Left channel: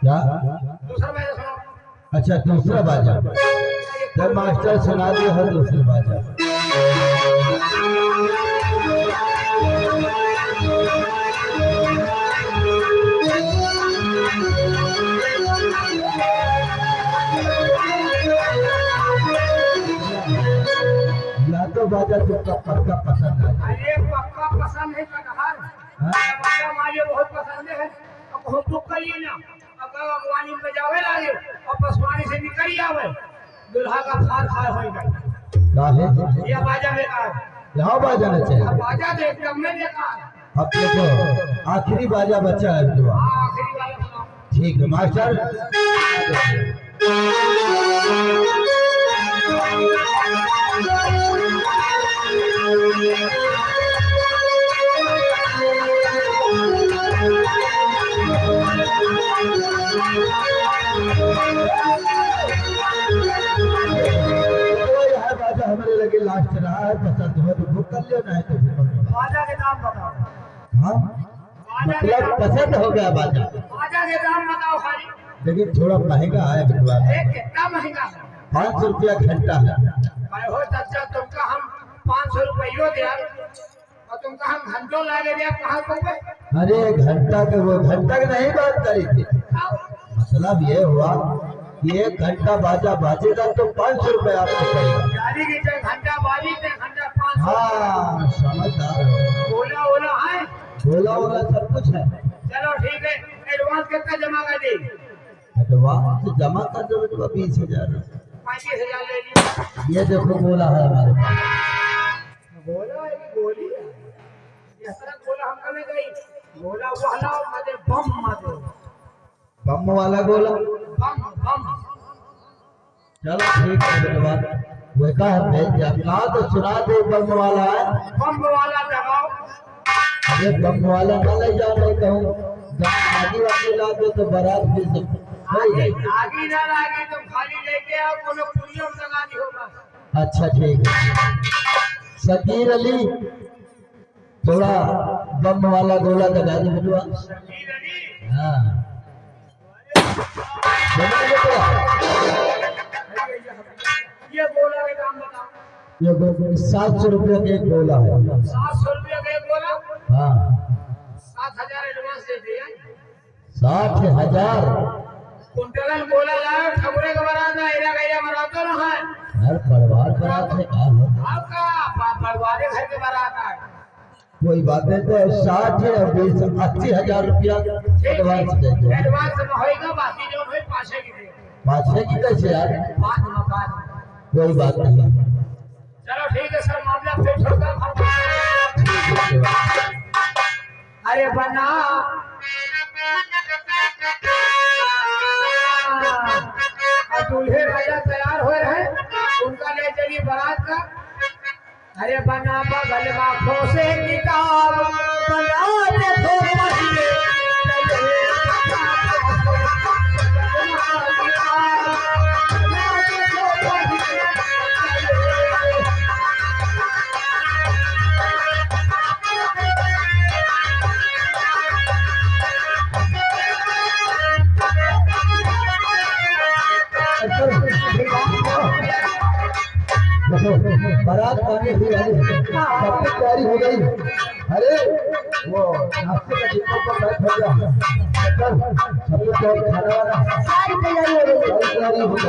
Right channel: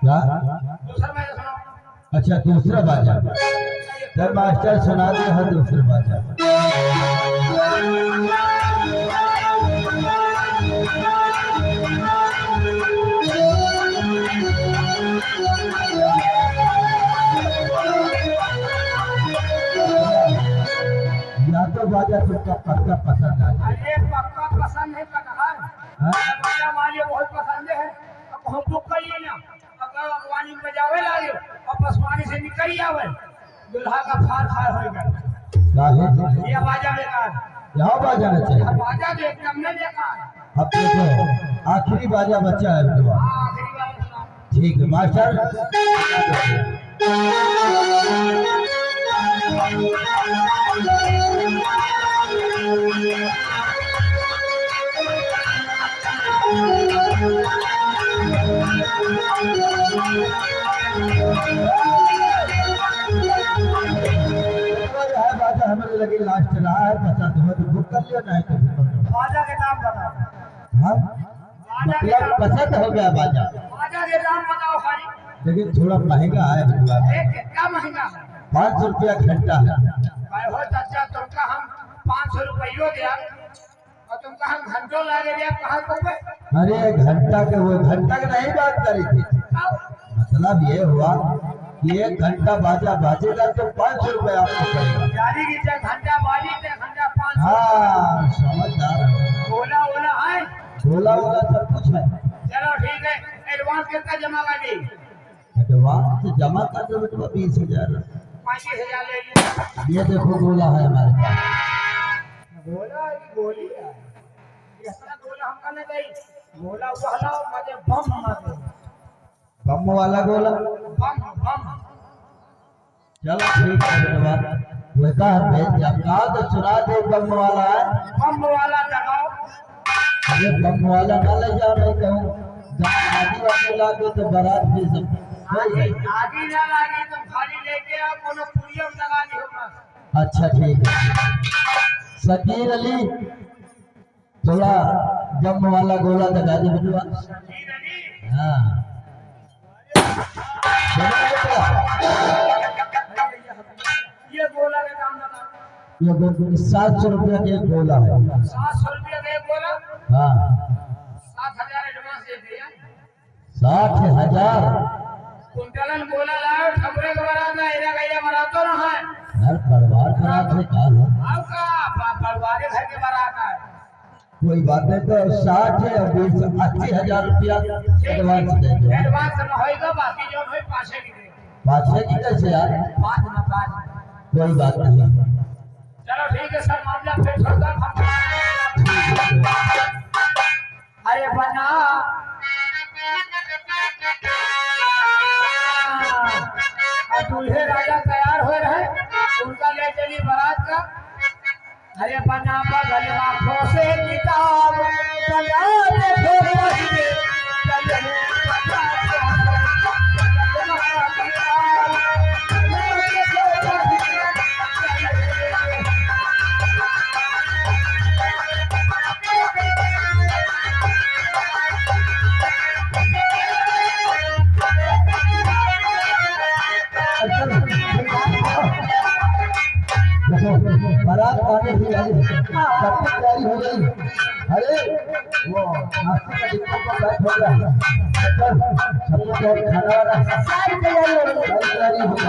क्या? अच्छा दूसरा बाजा। जब मास्टर सुना दिया है दूसरा बाजा। या तो बाजा तुमका पक्का पसंद है? अरे पक्का पसंद है कटहर। बाजा मुझे बहुत पसंद है। अब हम बुक करिए ना, अगर अगवानी में जावे लागे और पसवानी से निकल आवे दुल्हा का फार खाए होएगा। काहे? ये बाजा बेकार। यहाँ बाजा नहीं चाहिए। बाजा तो एकदम में बेकार। अब देखो आखिरी बाजा बचा है दुआ। आखिरी बाजा सुनाओ। ठीक है मास्टर। हमारे लगे लास्ट रहा है पसंद हो तो बुक कर लियो नहीं तो बाजा के दाम बताओ। हाँ मतलब पसंद हो गया बाजा। बाजा के दाम बताओ खाली। लेकिन थोड़ा महंगा है बिटवा। कितना महंगा है? 500 रुपया घंटा है। भाई हो चाचा तुमका हम 500 रुपये दे और तुमका हम घंटों लागे दिया कहाँ तुमको? अरे घंटा के वो घंटा की नहीं बात करी थी। मतलब ये हुआ कि 1 घंटा बाजा बाजेगा तो 500 रुपये आपको पड़ेगा। गाड़ी की घंटा बाजी घंटा 500। हाँ समझदार है। बोला ओला है बोला वाला सब कुछ है। चलो ठीक है। एडवांस कितना जमा कर दी? एडवांस जमा कर दो बेटा 20,000। 35,000 ले लिया। ये देखो गोला है हमारे पास। गोला है कि गोली है? ये सारा गोला हमका नहीं गई। गोला वो हला मजे बम मारो। बम वाला गोला। बम बम। चलो ठीक है बेटा। वो कहा तो सुना दे बम वाला है। बम वाला दबाओ। अरे बम वाला ना ले जाओ नहीं कहूँ आगे वाले लागे तो बारात भी सब आगे ना लागे तो खाली लेके आओ कोनो पुलियो में लगा दी होगा। अच्छा ठीक है। शकीर अली थोड़ा बम वाला गोला लगा दे बेटवा। शकीर अली। हाँ ये गोला के दाम बताओ। ये 700 रुपया का एक गोला है। 700 रुपया का एक गोला। हाँ 7,000 एडवांस दे दिया। 60,000। कुंटलन गोला लाओ ठगुरे के बारात ना एरा गैया बारात तो ना है। हर परिवार बारात है का है? आपका परिवार घर के बारात है। कोई बात नहीं तो 60 है और 80,000 रुपया एडवांस दे दो। एडवांस में होएगा बाकी जो है पाछे की दे। पाछे की कैसे यार? बाद में बाद। कोई बात नहीं। चलो ठीक है सर मामला फिर छोड़कर अरे बना दूल्हे राजा तैयार हो रहे उनका ले चली बारात का। अरे बना बगल आंखों से किताब बना देखो पहले बारात आने की वाली सब कुछ तैयारी हो गई। अरे वो नाश्ते का डिब्बा पर बैठ हो गया। चल सब कुछ और खाना वाला सारी तैयारी हो गई।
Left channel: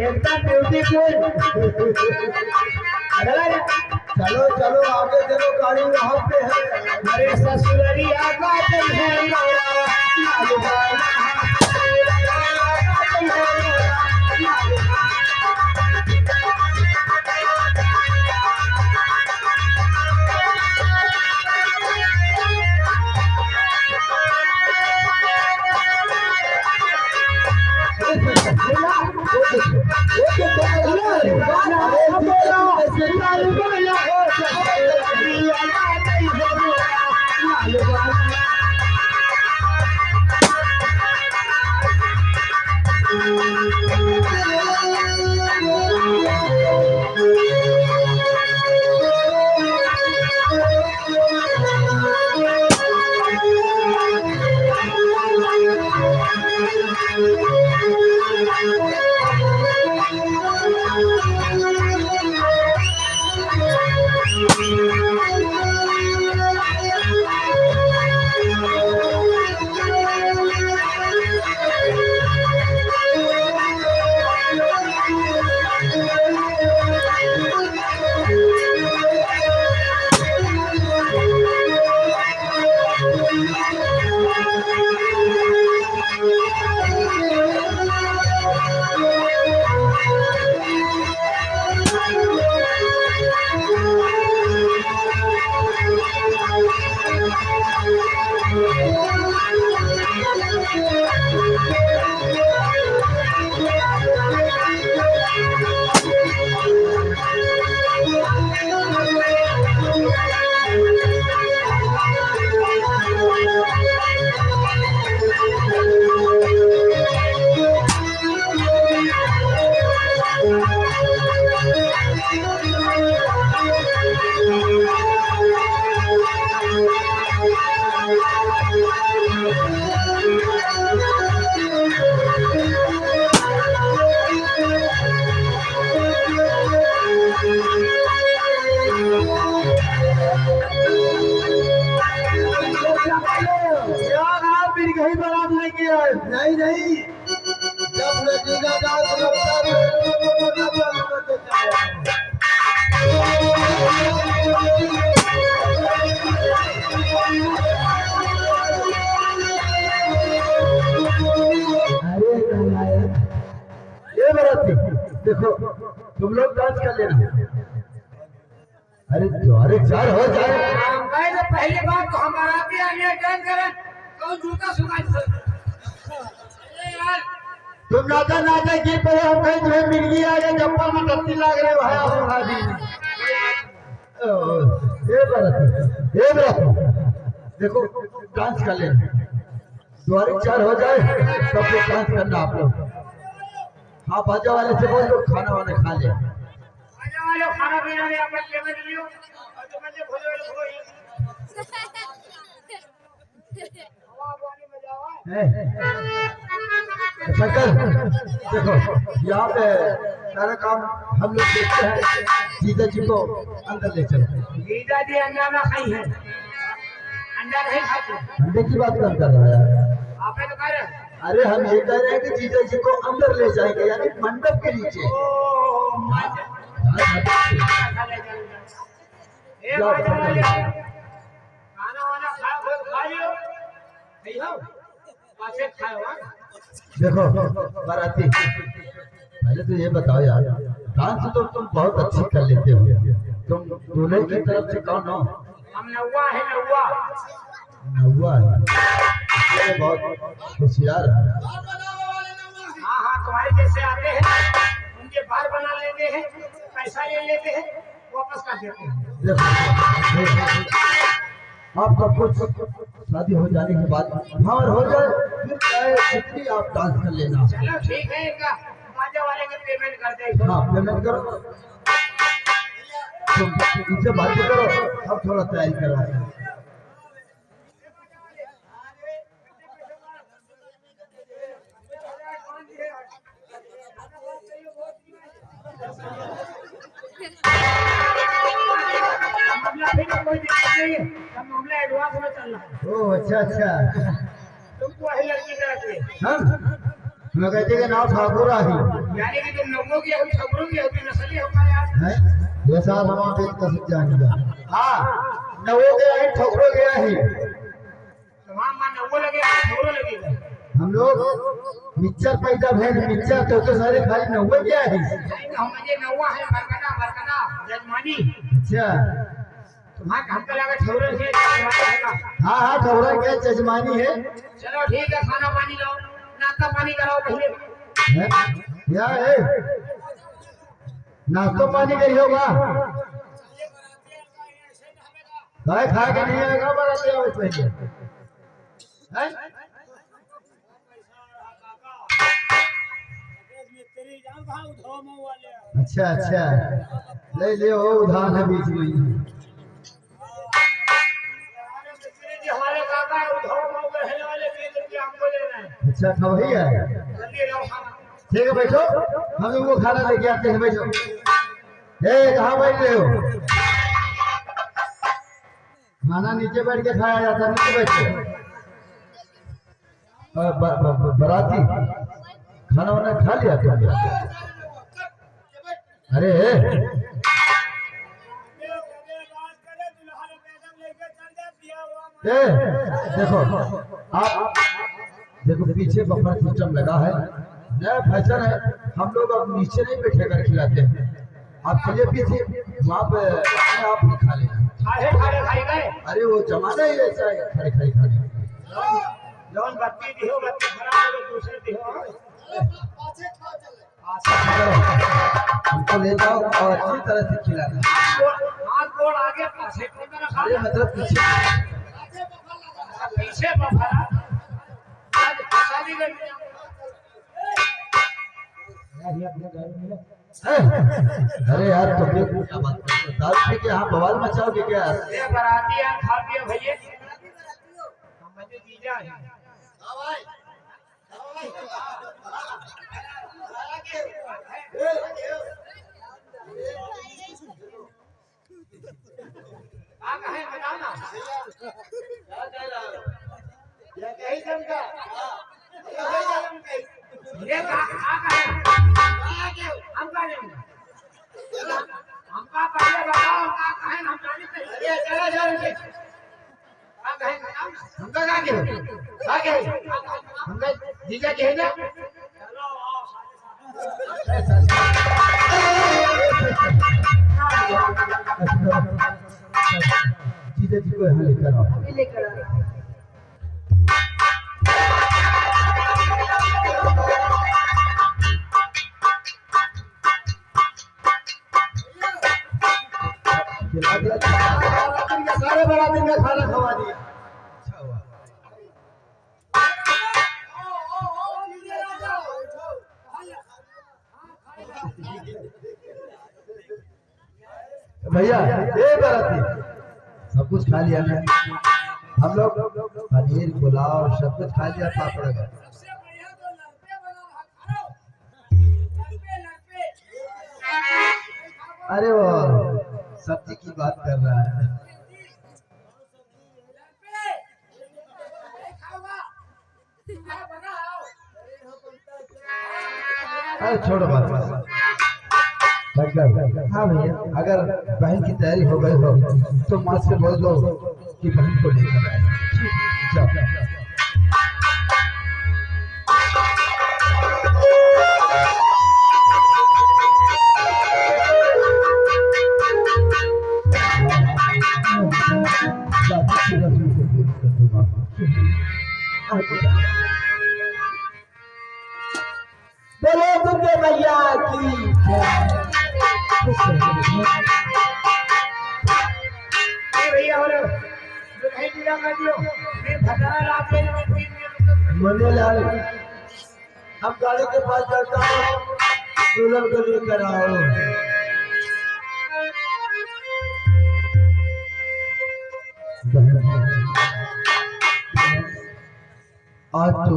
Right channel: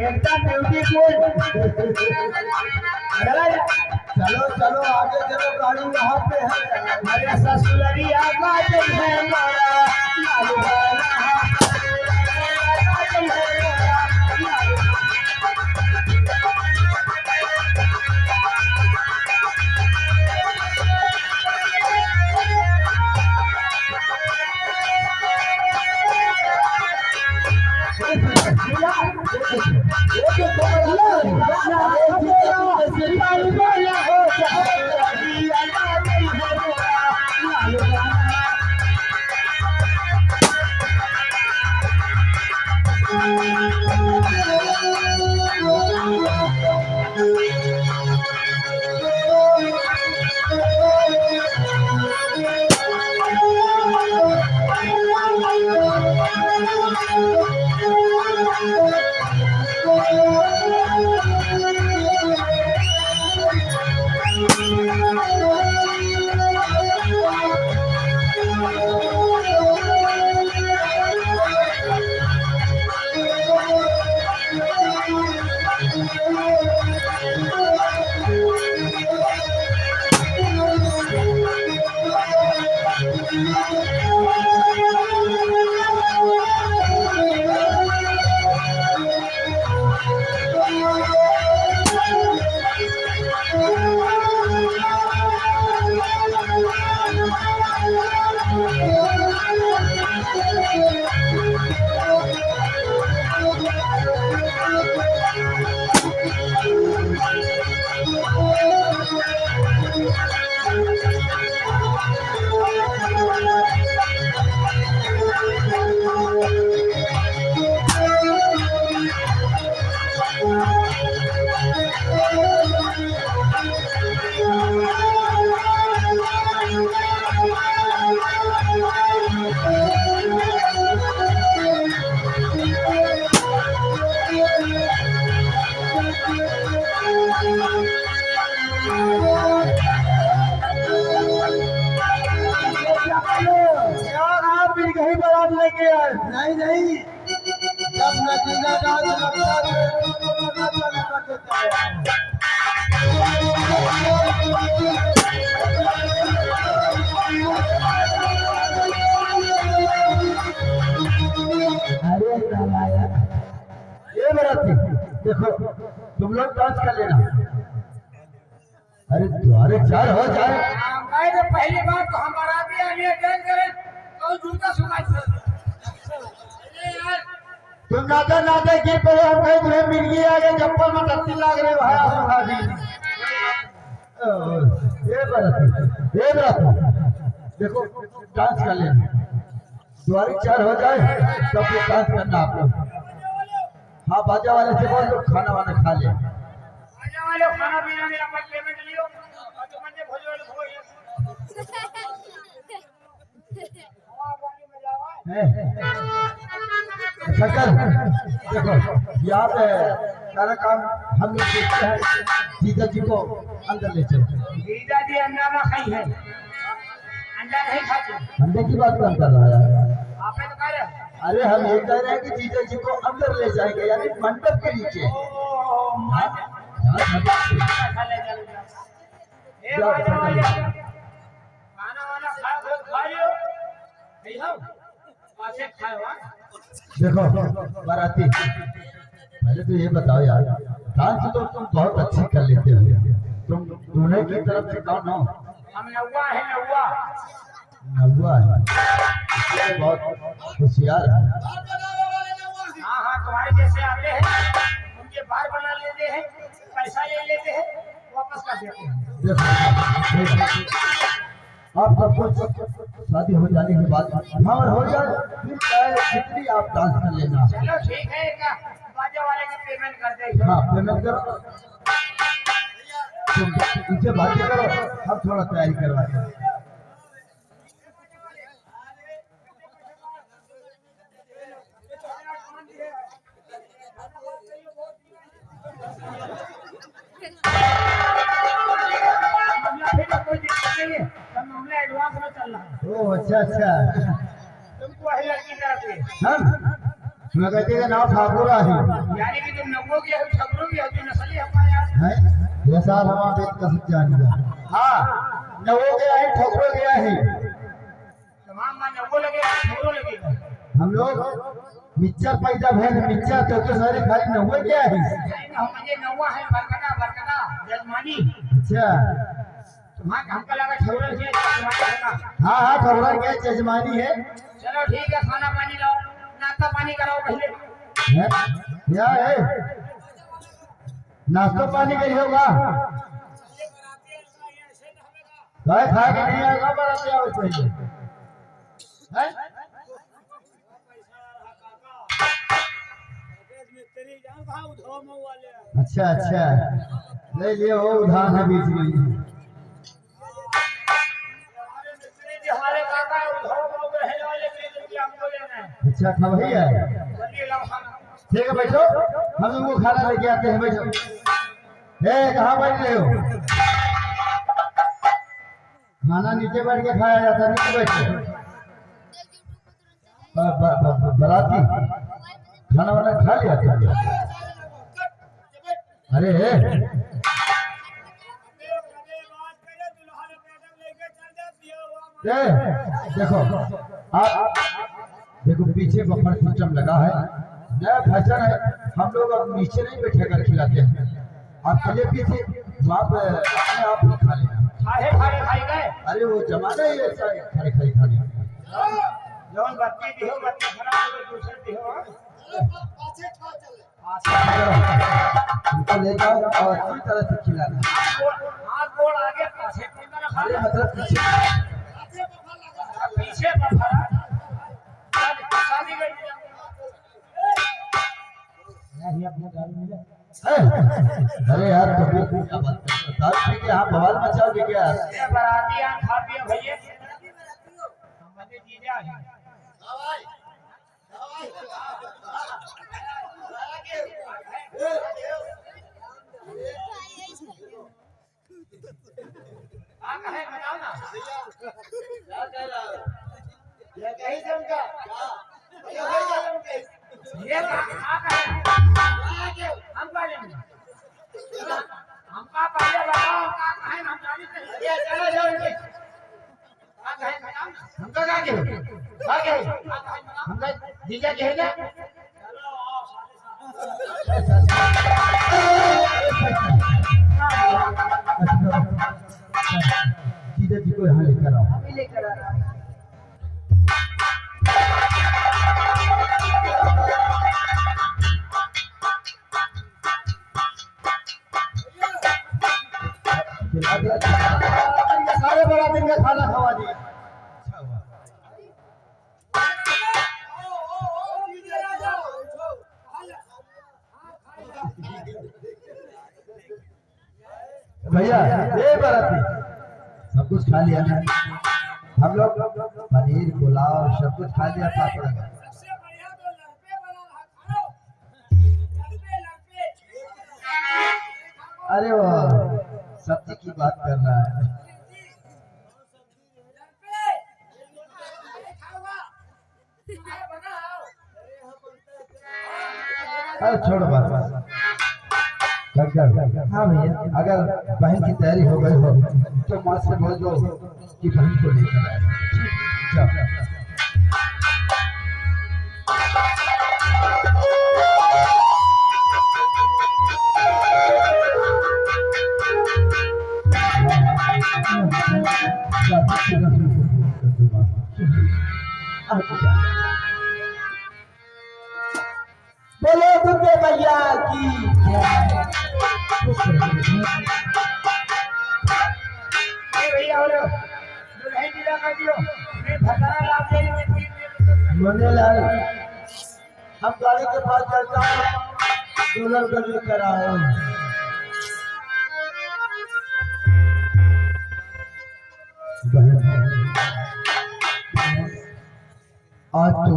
एकदम ब्यूटीफुल। चलो चलो आगे चलो गाड़ी वहाँ पे है। अरे ससुररी आगा है मोरा नहीं नहीं, जब नतीजा डांस लगता है अरे क्या लाया ये बराती देखो तुम लोग डांस कर लेना। अरे द्वारे चार हो जाए मैं तो पहली बार तो हमारा भी आगे डांस करें तो जूता सुनाई तुम नाते नाते की पड़े हम कहीं तुम्हें मिल गई आगे चप्पल में टट्टी लग रहे भाई आप आदमी ये बराती देखो डांस कर लेना। द्वारे चार हो जाए सब लोग डांस करना आप लोग। हाँ बाजा वाले से बोल दो खाना वाना खा ले। बाजा वाले खाना पीना नहीं आप पेमेंट लियो और जो बंदे भोले वाले हो हवा पानी में जाओ शक्कर देखो यहाँ पे सारा काम हम लोग देखते हैं। जीजा जी को अंदर ले चलो। जीजा जी अंडा ना खाई है अंडा नहीं खाते अंडे की बात कौन कर रहा है? आपने तो कह रहे अरे हम ये कह रहे हैं कि जीजा जी को अंदर ले जाएंगे यानी मंडप के नीचे। खाना वाना खा लियो देखो बाराती पहले तो ये बताओ यार डांस तो तुम बहुत अच्छी कर लेते हो। तुम दूल्हे की तरफ से कौन हो? हम नौवा है नौवा नौवा है ये बहुत होशियार है। हाँ हाँ तुम्हारे जैसे आते हैं उनके बार बना लेते हैं पैसा ले लेते हैं वापस कर देते हैं। देखो आप सब कुछ शादी हो जाने के बाद और हो जाए फिर चाहे कितनी आप डांस कर लेना। चलो ठीक है क्या बाजा वाले का पेमेंट कर दे। हाँ पेमेंट करो तुम उनसे बातें करो अब थोड़ा तैयारी करवाते हैं। कोई दिक्कत नहीं है हम मामला एडवांस में चल रहा है। ओह अच्छा अच्छा तुमको वही लड़की कराते हम कहते हैं नाव ठाकुर आही यानी कि तुम लोगों की अभी खबरों की अभी नस्ली हमारे यहाँ है ये साल हम आप एक कसम जानिएगा। हाँ नवो गया है ठाकुर गया है तमाम मान नब्बो लगेगा खबरों लगेगा। हम लोग मिक्सर पैदा भेज मिक्सर तो सारे खाली नवो गया है मुझे नौवा है बरकना बरकना जजमानी। अच्छा तुम्हारा हमका लगा ठौरा से हाँ हाँ ठाकुर गया जजमानी है। चलो ठीक है खाना पानी लाओ नाश्ता पानी कराओ पहले। क्या है नाश्तो पानी गई होगा गाय खा के नहीं आएगा बराती आवे चाहिए हैं? अच्छा अच्छा ले लियो उधार है बीच में अच्छा खा वही है ठीक है बैठो हम वो खाना लेके आते हैं बैठो कहाँ बैठ रहे हो खाना नीचे बैठ के खाया जाता नीचे बैठो बराती खाना वाना खा लिया तुम अरे देखो आप देखो पीछे बफर सिस्टम लगा है नया फैशन है हम लोग अब नीचे नहीं बैठे कर खिलाते हैं आप चलिए पीछे वहाँ पे अपने आप ही खा लेना अरे वो जमाना ही ऐसा है खड़े खड़े खाने हमको ले जाओ और अच्छी तरह से खिलाना अरे मतलब पीछे अरे यार तो क्या बात बता कि यहाँ बवाल मचाओगे क्या बराती खा पियो भैया जीजा है जीजा कहे ना जीजा जी को यहाँ लेकर आओ सारे बड़ा दिन का खाना खवा दिया भैया ये बराती सब कुछ खा लिया ना हम लोग पनीर पुलाव सब कुछ खा लिया पापड़ का अरे वो सब्जी की बात कर रहा है अरे छोड़ो बात हाँ भैया अगर बहन की तैयारी हो गई हो तो माँ से बोल दो कि बहन को लेकर आए बोलो दुर्गे भैया की मनेलाल हम गाड़ी के पास चलता हूँ दुल्हन को लेकर आओ आज तो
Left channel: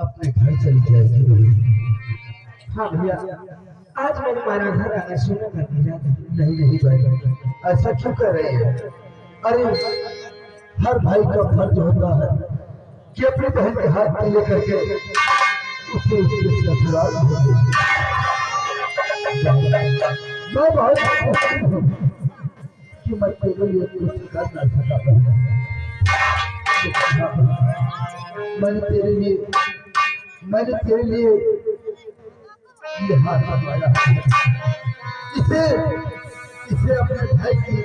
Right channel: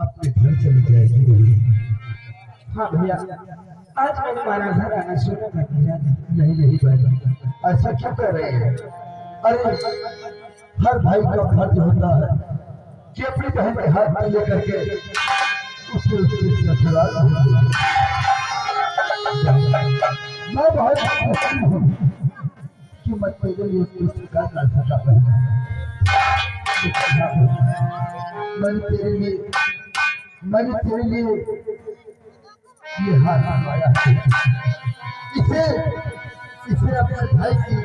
अपने घर चली जाएगी हाँ भैया आज मैं तुम्हारा घर आना सुना मैं नहीं भाई ऐसा क्यों कर रहे हैं अरे हर भाई का फर्ज होता है कि अपनी बहन के हाथ में लेकर के उससे ससुराल मैं बहुत खुशी हूँ कि मैं तेरे लिए कुछ कर ना सका मैंने तेरे लिए ये हाथ लगाया इसे अपने भाई की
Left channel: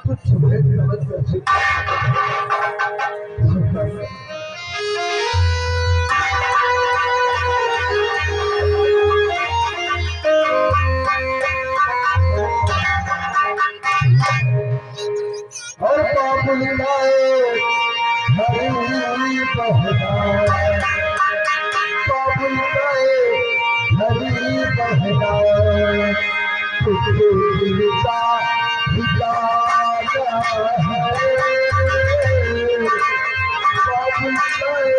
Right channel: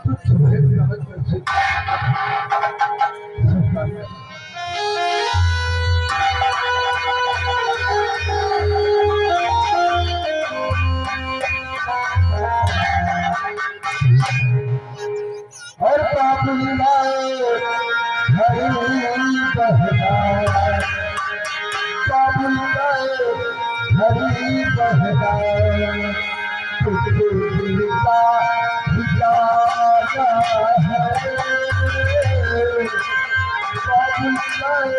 तुच्छ भेंट समझ कर बाबुल लाए हरी बहना बाबुल लाए हरी बहना तुझे दिल का ठिकाना है बाबुल लाए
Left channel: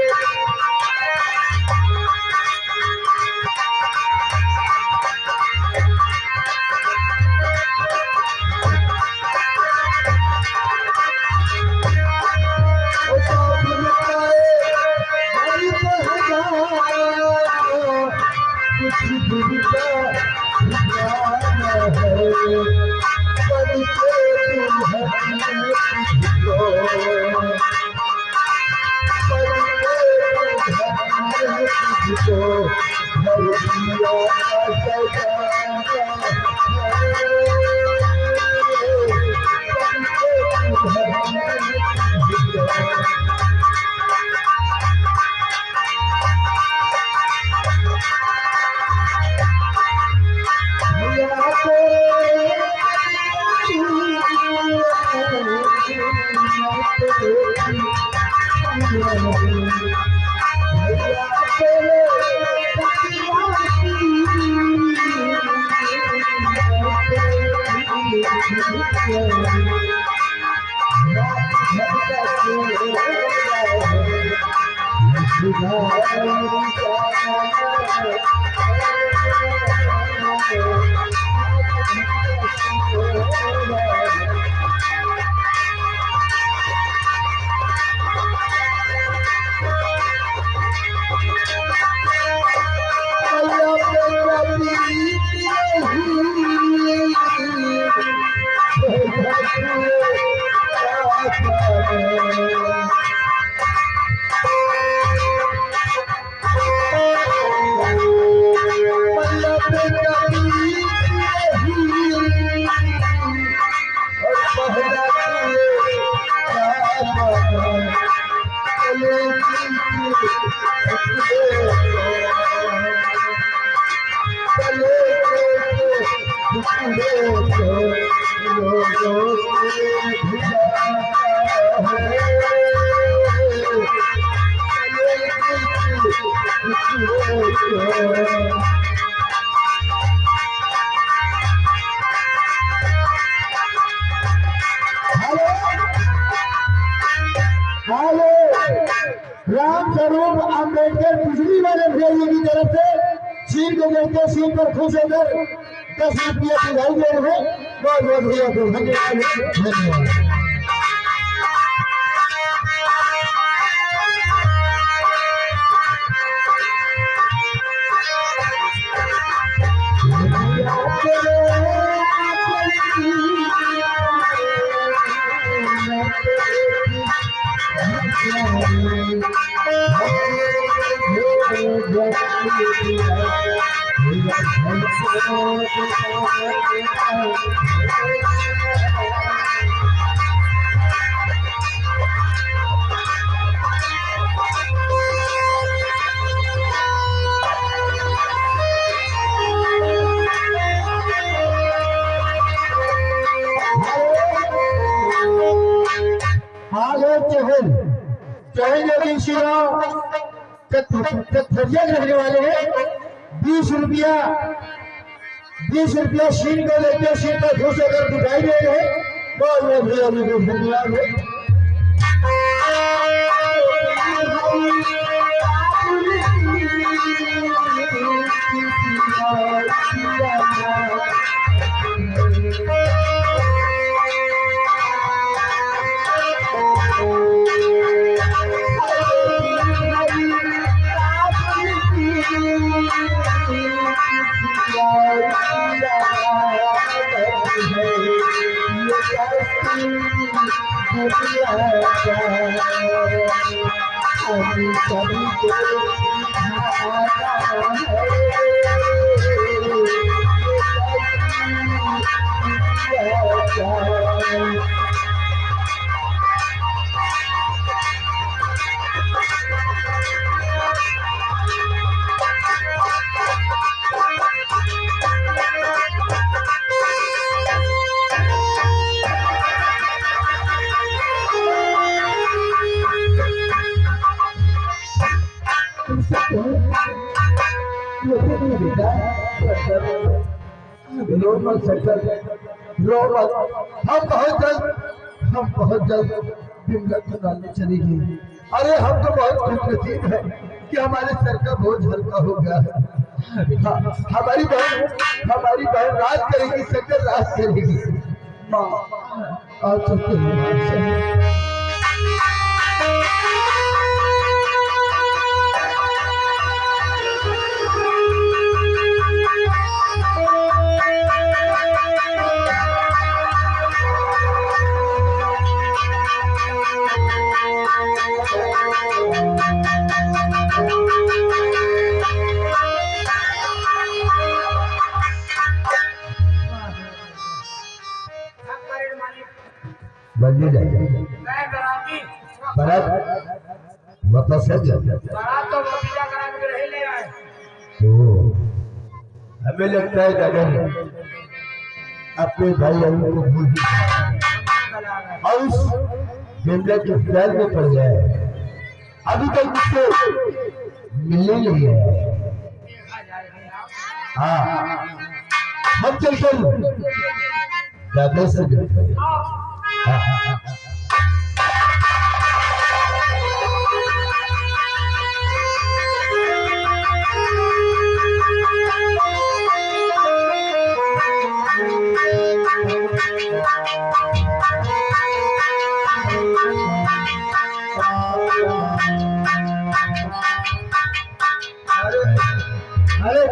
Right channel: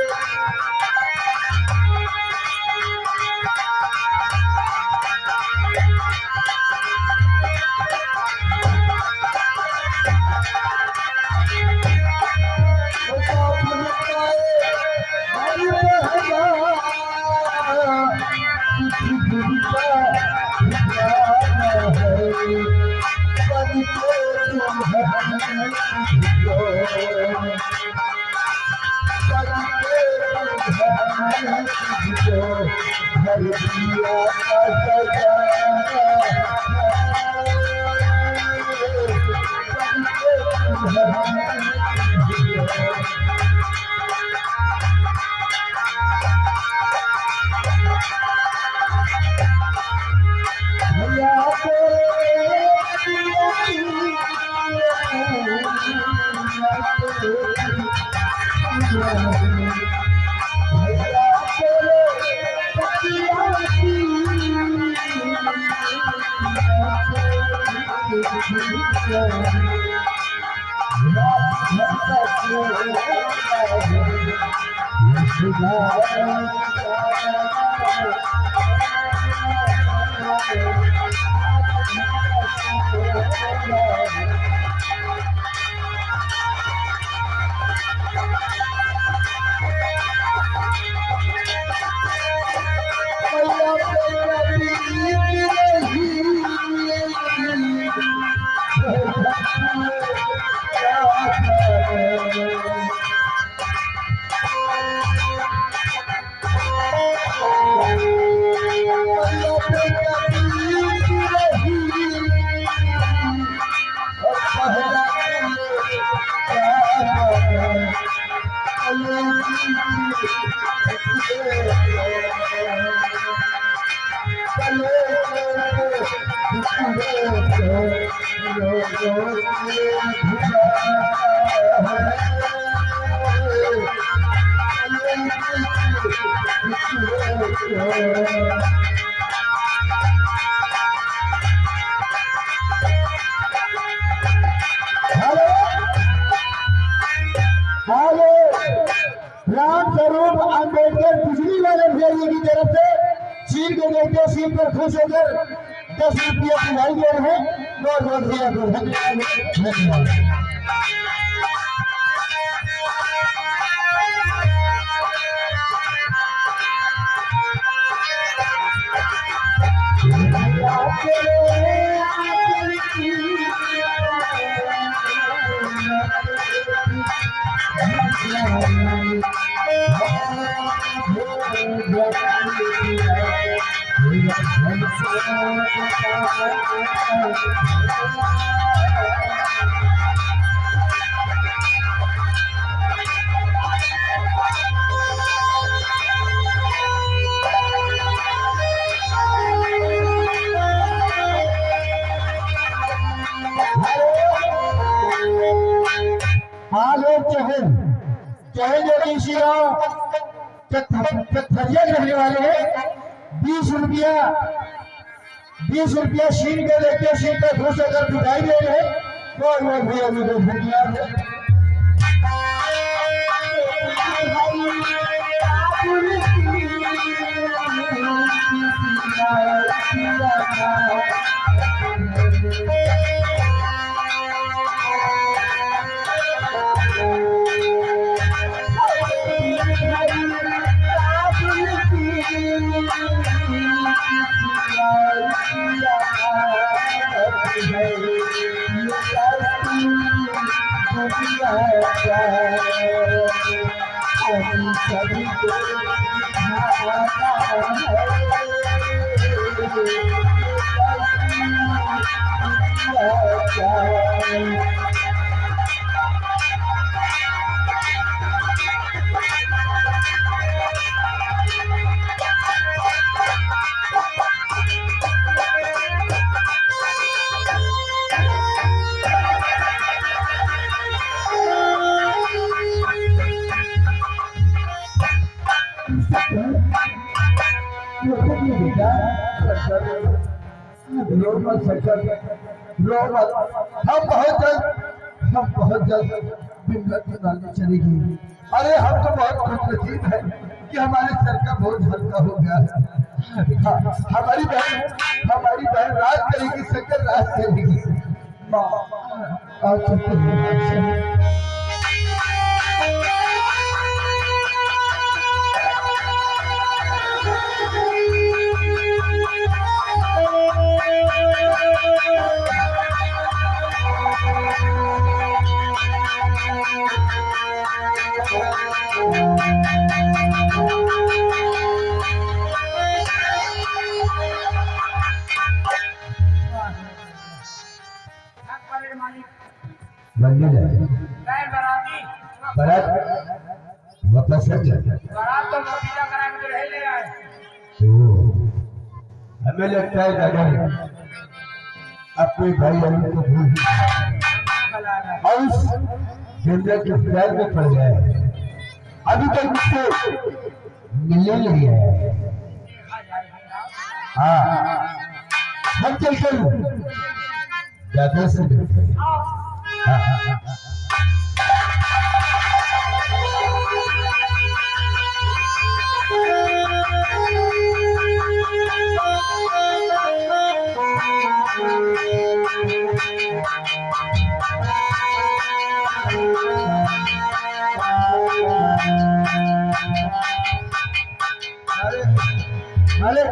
राम स्वरूप अम्बेडकर बिजली वाले भैया जी की तरफ से सीट को देखते सीट पर खुश होकर 10 रुपये की भाई दे रहे हैं। बहुत बहुत भैया को धन्यवाद। चहल योगी शिव कथरिया रहने वाले हैं। 20 रुपया शीन को लेकर शीन पर खुश होकर दिखाई दे रहे हैं। बहुत बहुत भैया जी को धन्यवाद है। ये भी बेटा रो मत सचल, रो मत। हम बहुत जल्द बिमला चुनाने चलेंगे। अरे हम तो बहुत खुशनसीब है कि हमारे सर का बोझ हल्का हो गया है। हमारी बहन राज करेगी, शंकर राज करेगी। माँ आज चलते हैं। बंदी जाए बारात वापस आ जाए। तो भतीजा करा के रह ले आए। हमें लगता है दादा अपने भाई अरुण को भूल और उस बिमला के प्यार में पड़ गया है। अभी तक मुझसे मिलने नहीं है। हाँ हम चलते दादा से मिलते हैं। अरे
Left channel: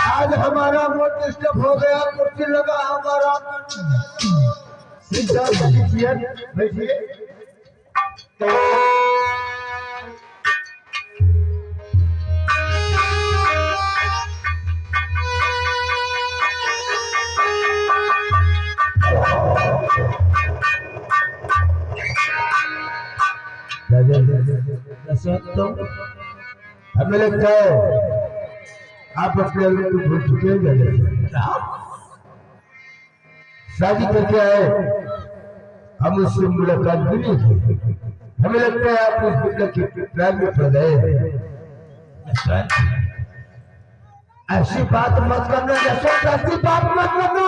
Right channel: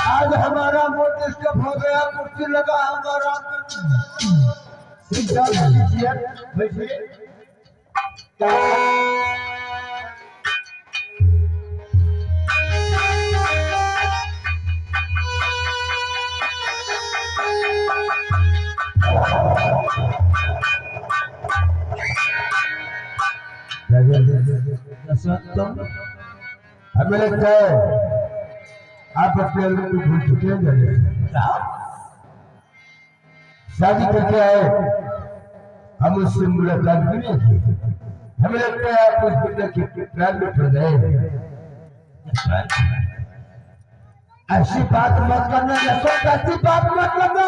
आज हमारा मूड डिस्टर्ब हो गया। कुर्सी लगा हमारा। बैठिए। हमें लगता है आप अपने अल्लाह को भूल चुके हैं। शादी करके आए, हम उससे मुलाकात भी नहीं की। हमें लगता है आप उस बिल्ला के प्यार में पड़ गए। ऐसी बात मत करना, ऐसी बात मत करना।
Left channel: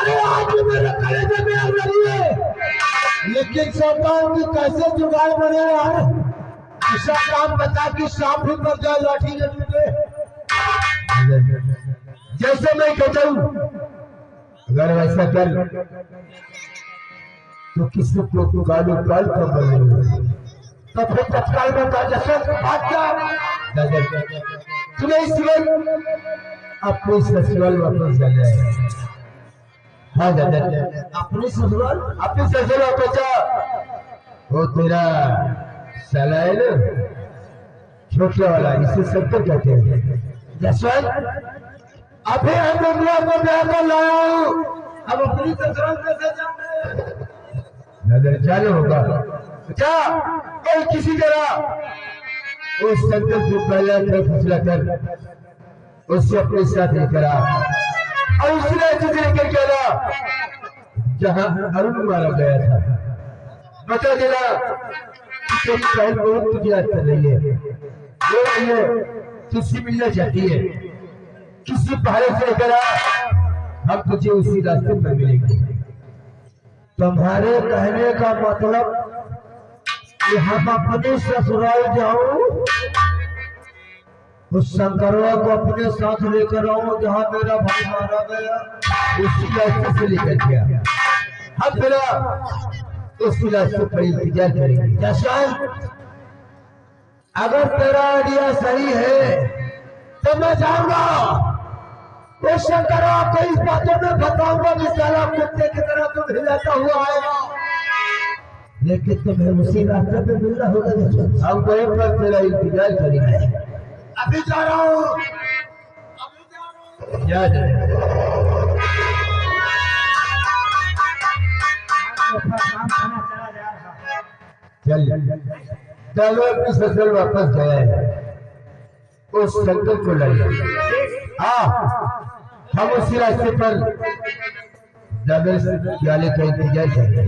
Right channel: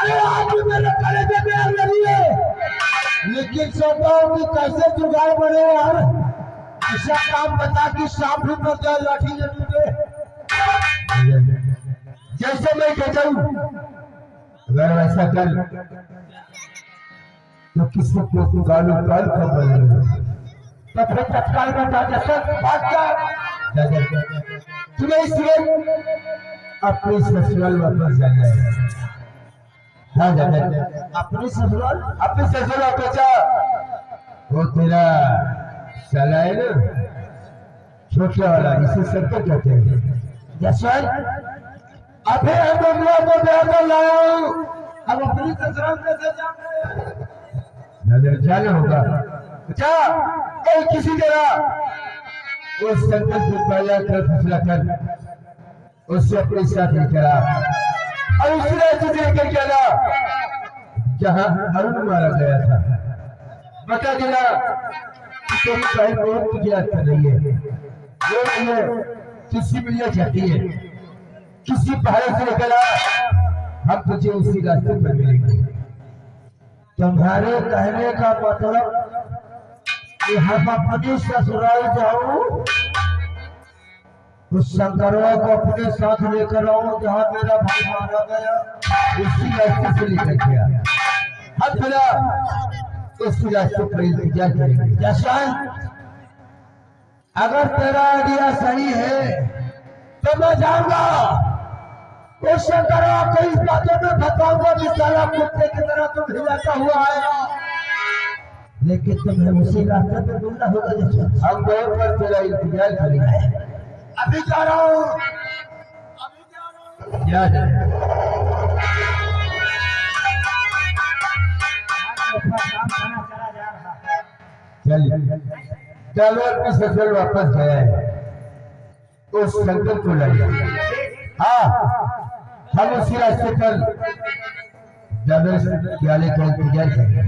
अरे आज भी मेरे कलेजे में आग लगी है, लेकिन सोचता हूँ कि कैसे जुगाड़ बने यार। ऐसा काम बता कि सांप भी मर जाए लाठी ले टूटे। जैसे मैं कहता हूँ अगर वैसा कर तो किसी को कालो काल का बने तो फिर तत्काल में बात क्या तुम्हें इसलिए अपने ससुराल वापस जाना है। हाँ दादा अपने ससुराल वापस जा। वो तेरा साला है ना छोटा वाला, इसे शंकर कहते हैं। जसवंत अभी हम बिमला को ब्याह कर लाओ। अब अपनी ससुराल कैसे जाओगे? नजर जाने होगा। क्या कोई किसी तरह उस शंकर को पहला कर फैसला कर उससे अपने साथ लेकर आ और उसी रास्ते से लेकर के आना जहां अरुण मारा गया था। बता देना तेरी बहन बहुत तुझे याद कर रही है, जो ये तुझसे मिलना चाहती है। किसी पहाड़ से लेकर आ, हम तुझे उसी रास्ते पर मिलेंगे। तुम्हारे कहने का मतलब कि हम अपने ससुराल जाऊं, उस शंकरवा को अपने साथ लेकर आऊं जहां मेरा भाई मारा गया, उसी रास्ते से लेकर गया। हम फिर उसी रास्ते पर इंतजार करेंगे। जैसा अगर तेरा आइडिया सही है तो मैं जाऊंगा उस शंकरवा को इस बातों में बताऊंगा कि साला कुत्ते की तरह तुम हिलाता हुआ आएगा, लेकिन तुम्हें उसी रास्ते पे मिलना होगा। जैसा हम वहीं पर तेरा इंतजार करेंगे। अभी जा रहा हूँ, जा चल अपनी ससुराल वापस गया है, उस शंकर को लाया। हाँ हम उसी रास्ते पर जाने का इंतजार करेंगे।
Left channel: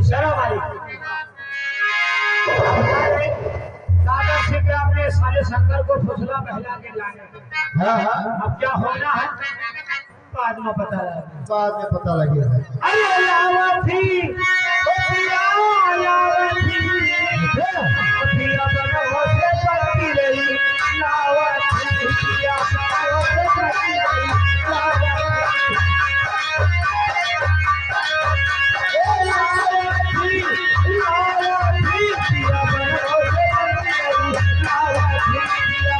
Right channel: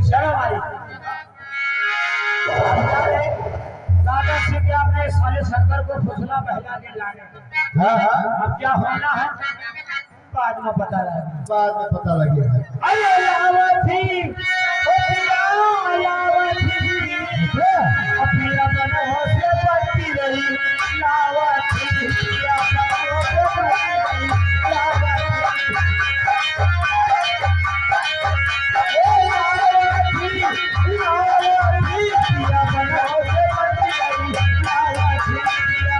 सागर से क्या अपने साले शंकर को फुसला बहला के लाए। हाँ हाँ अब क्या होना है बाद में पता लगा। बाद में पता लगेगा। अरे लावती ओ पिया लावती पिया बनो से पड़ती रही लावती पिया बनो से पड़ती रही लावती ए लावती लावती पिया बनो से पड़ती रही लावती पिया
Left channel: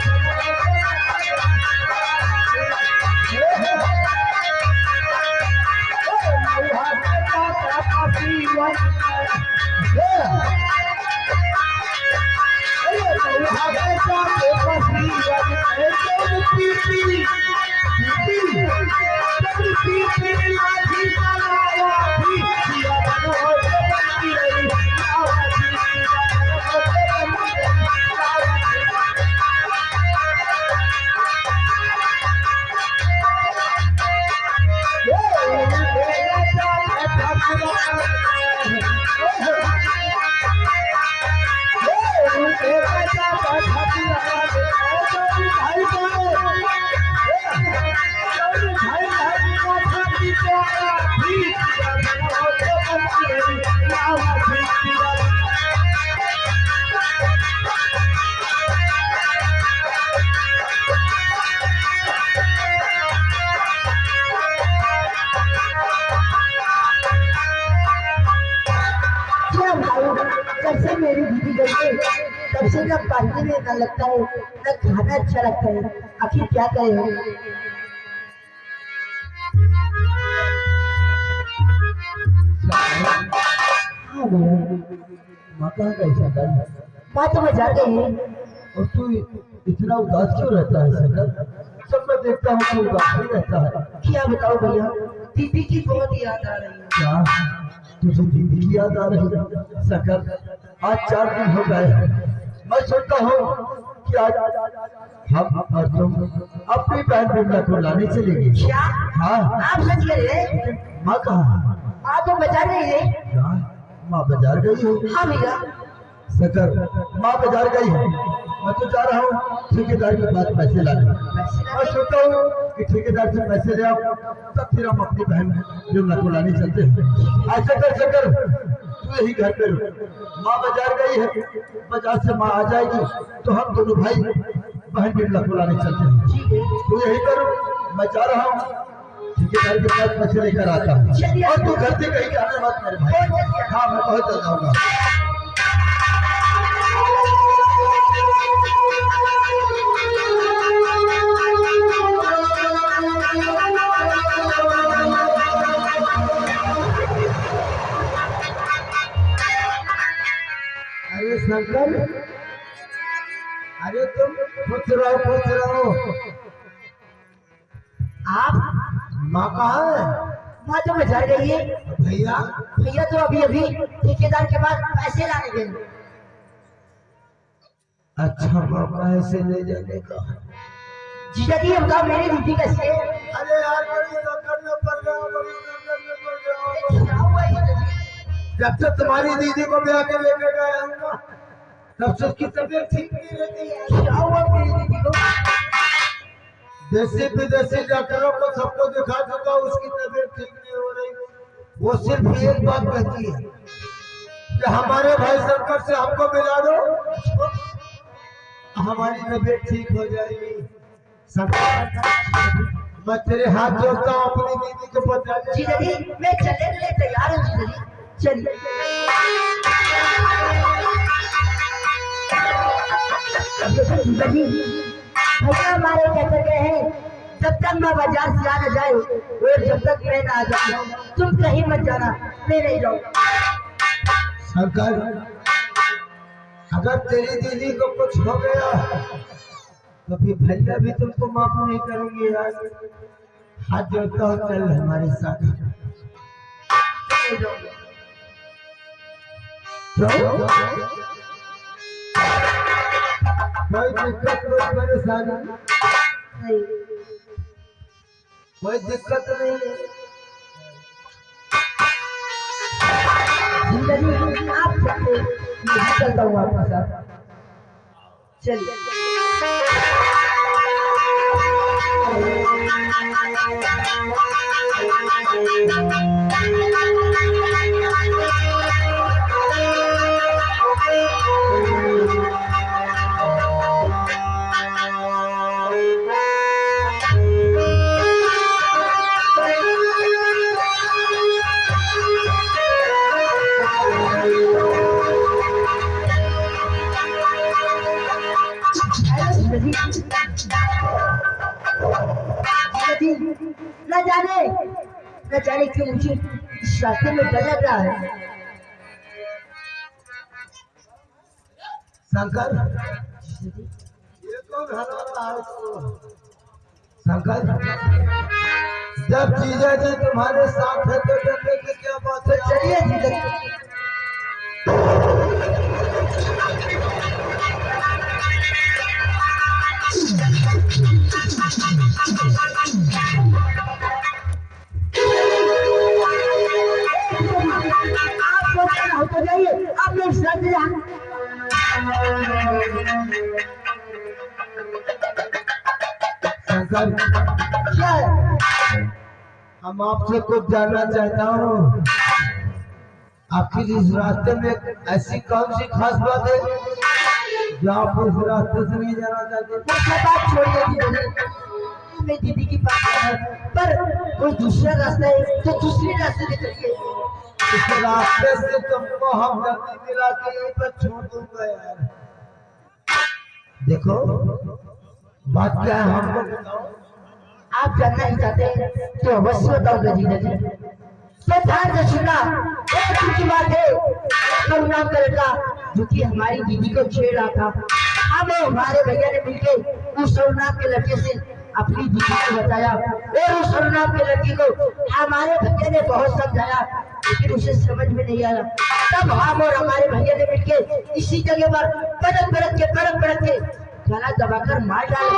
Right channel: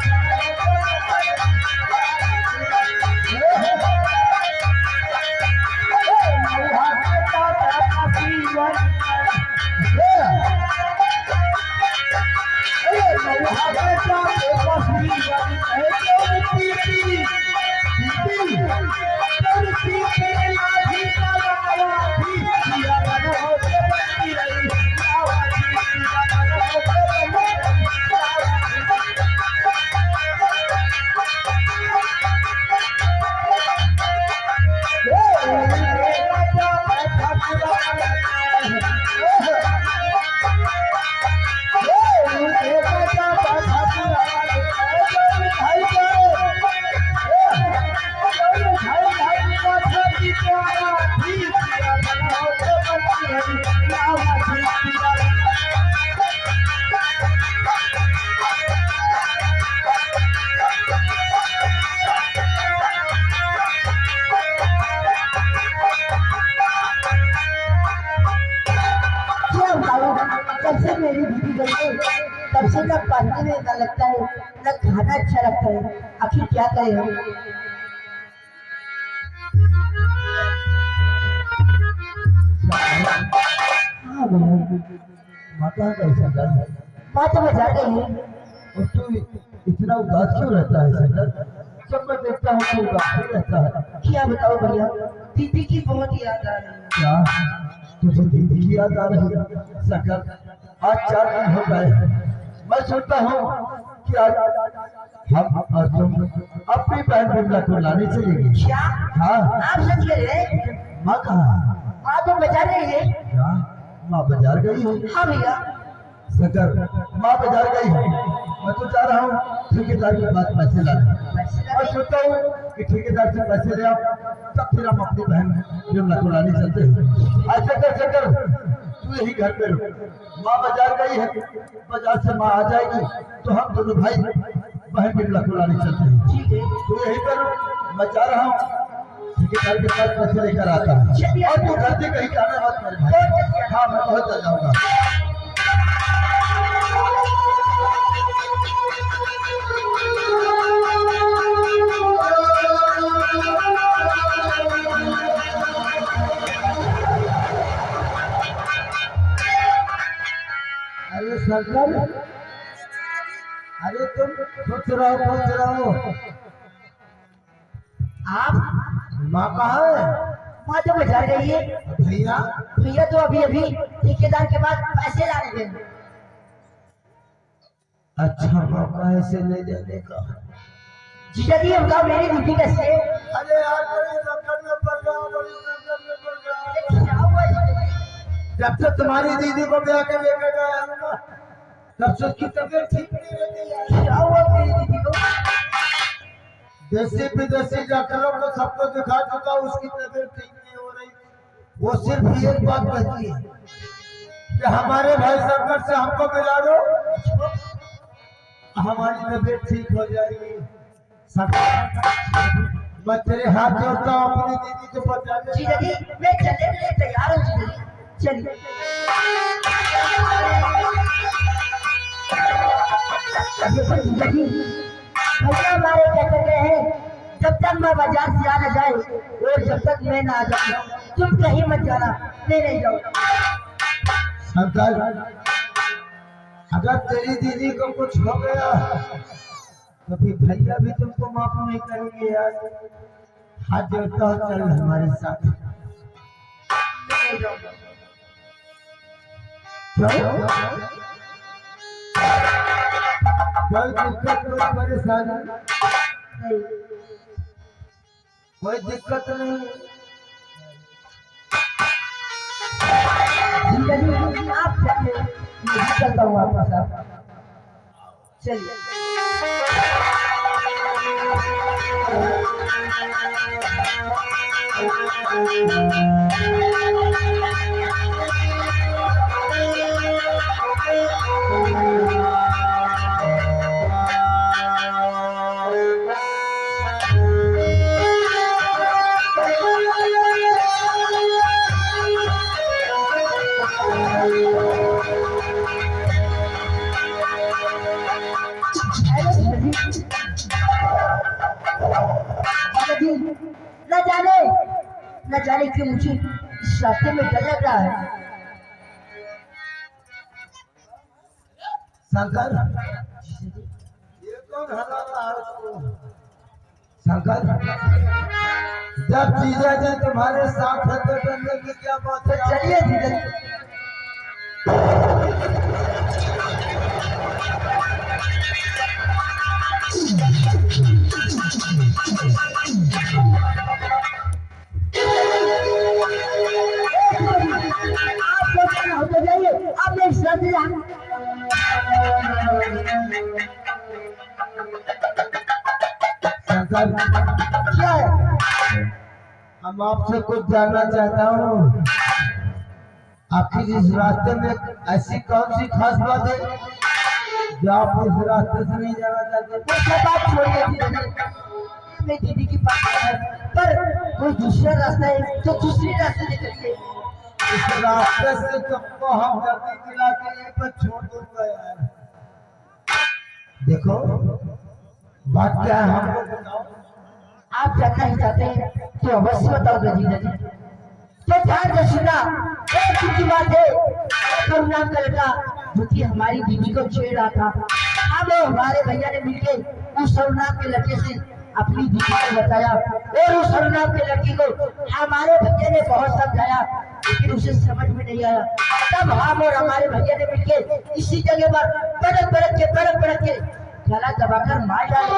बनो से पड़ती रही। जब से मेरी दीदी गई है तब से न पढ़ने में न लगता है न खाना अच्छा लगता है। आखिर क्या करें हम। हाँ भैया माँ कहाँ गई शंकर? माँ तो बजा गई है। और तू इतना उदास क्यों रहता है शंकर? जब मैं देखता हूँ तो उदास ही रहता है। क्या बताओ भैया दीदी की बहुत याद आ रही है। क्या तुझे दीदी की याद आ रही है? शंकर आज 4 दिन हो गए हैं। मैं सोचता हूँ कि आज हम और तुम अपनी बहन बिमला को लाने चलेंगे। क्या हाँ आप सच कह रहे हैं? माँ कहाँ? माँ तो बजा रही है। क्या माँ बाजार गई है? हाँ भैया शंकर माँ बाजार गई है। मैं तो जा रहा हूँ ठेकेदार के पास पैसे लाने। मैं सोचता हूँ कि ठेकेदार से पैसे ले आओ तब फिर हम अपनी बहन बिमला को लाने चलते हैं। ऐसे कर शंकर तू यही घर पे रुक। माँ बाजार गई है, बाजार से माँ आ जाएगी तो हम दोनों भाई बहन बिमला को लाने चलते हैं। ठीक है तू यही कर, मैं जा रहा हूँ ठेकेदार के पास पैसे लेकर आता हूँ। और तू घर से कहीं जाना मत मेरे भाई। हाँ मैं बहुत जल्द आऊंगा। अरे शंकर अरे तुम खुश रहो। आप माँ कहाँ है? माँ तो बजा रही है। भैया भैया तो अभी अभी ठेकेदार के पास पैसे लाने गए। अच्छा माँ पैसे ले जाने का। जीजा जी बताओ मेरी दीदी कैसे है? अरे यार बड़ी संकट में पड़ गया, बड़ी संकट में पड़ गया। क्या हुआ जीजा जी? जब से तुम्हारी दीदी को ब्याह के लेकर गए हम ना तब से उसकी तबीयत ठीक नहीं रहती है। क्या हुआ मेरी दीदी को? देसी विदेशी डॉक्टरों को सबको दिखा चुका, उसकी तबीयत ठीक नहीं हो रही। वो सिर्फ एक बात कहती है कि हमारे भाई शंकर से हमको मिला दो, हमारी तबीयत ठीक हो जाएगी। मैं तेरे हाथ जोड़ता हूँ अपनी दीदी को बता दे। जीजा जी मैं चलने के लिए तैयार हूँ। जीजा जी चलिए। देखो जीजा जी भैया हमारे क्या कर गए हैं जब तक मैं बाजार से आ न जाए और जब तक मैं ना आ जाऊँ तुम कहीं मत जाना। मैं नहीं जाऊँ। शंकर अगर तेरी दीदी को कुछ हो गया तो फिर भैया भी तुमको माफ नहीं करेंगे यार। हाथ जोड़ता हूँ, चल हमारे साथ। कोई दिक्कत कोई परेशानी नहीं कोई दिक्कत नहीं। जिंदगी आप चलते मैं चलता हूँ आपके साथ। चलिए। न जाने न जाने क्यों मुझे इस रास्ते में डर लग रहा है। शंकर, ये कौन हरा रहा है उसको? शंकर, जब जीजा जी तुम्हारे साथ है तो डरने की क्या बात है? चलिए जीजा आप तो जाइए, आप मेरे साथ शंकर, क्या है? हम आपसे कुछ जानना चाहता हूँ। आपकी इस रास्ते में ऐसी कौन सी खास बात है जो आप इस रास्ते से नहीं जाना चाहते? वो सब बात छोड़िए जीजा जी, मेरी दीदी की बात है, पर कोई दूसरा रास्ता है तो दूसरी रास्ते निकलिए। इस रास्ते से तुमको हम जल्दी दिला के यहीं पर छोड़ दूंगा यार। देखो बात क्या है हमको बताओ। आप जानना ही चाहते हैं तो अवश्य बताओगे जीजा जी। तो ध्यान से सुनना, एक ऊंची बात है, करुण नाम का लड़का जो कि हमारी दीदी को छेड़ रहा था, हम और हमारे भैया ने मिलकर उस करुण नाम के लड़के से अपनी दीदी को बताया और उस करुण नाम के लड़के को हमारे भैया ने बहुत समझाया, लेकिन उसे समझ में नहीं आया। तब हम और हमारे भैया ने मिलकर इसी जगह पर पड़क के गला दबाकर मार डाला।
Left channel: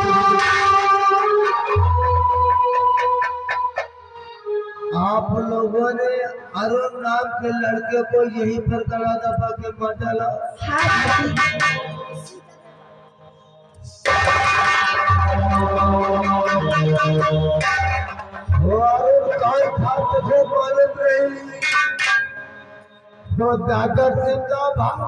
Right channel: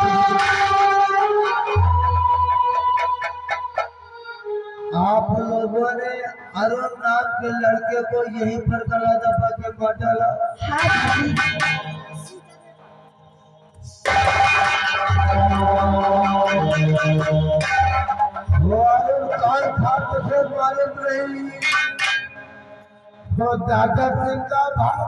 आप लोगों ने अरुण नाम के लड़के को यहीं पर गला दबा के मार डाला? हाँ जी। वो अरुण कौन था तुझे मालूम नहीं? तो दादा सिंह का भाई।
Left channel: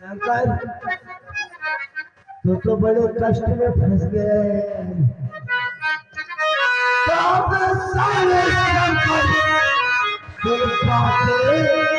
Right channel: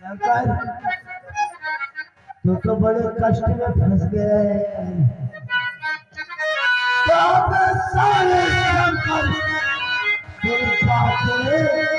शंकर, तो बड़े कष्ट में फंस गए हैं। तो अब सारे शंकर फिर बातें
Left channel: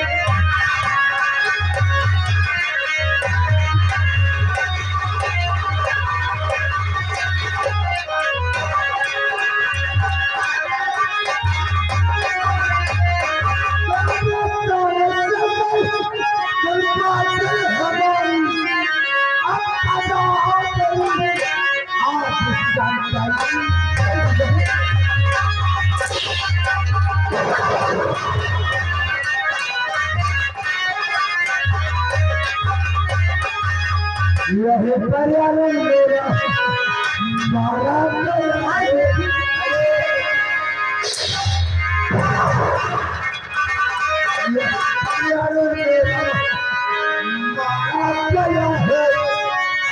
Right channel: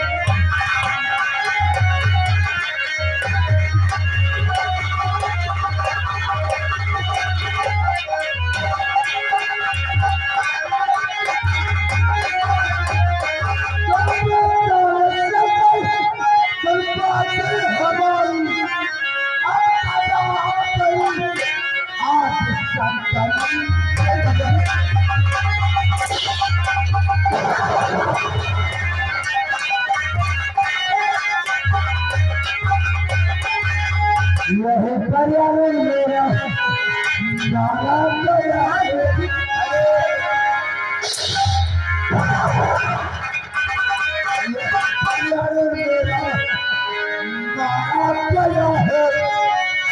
यह पर्यावरण मेरा मारा गया है। यह पर्यावरण मेरा मारा गया है।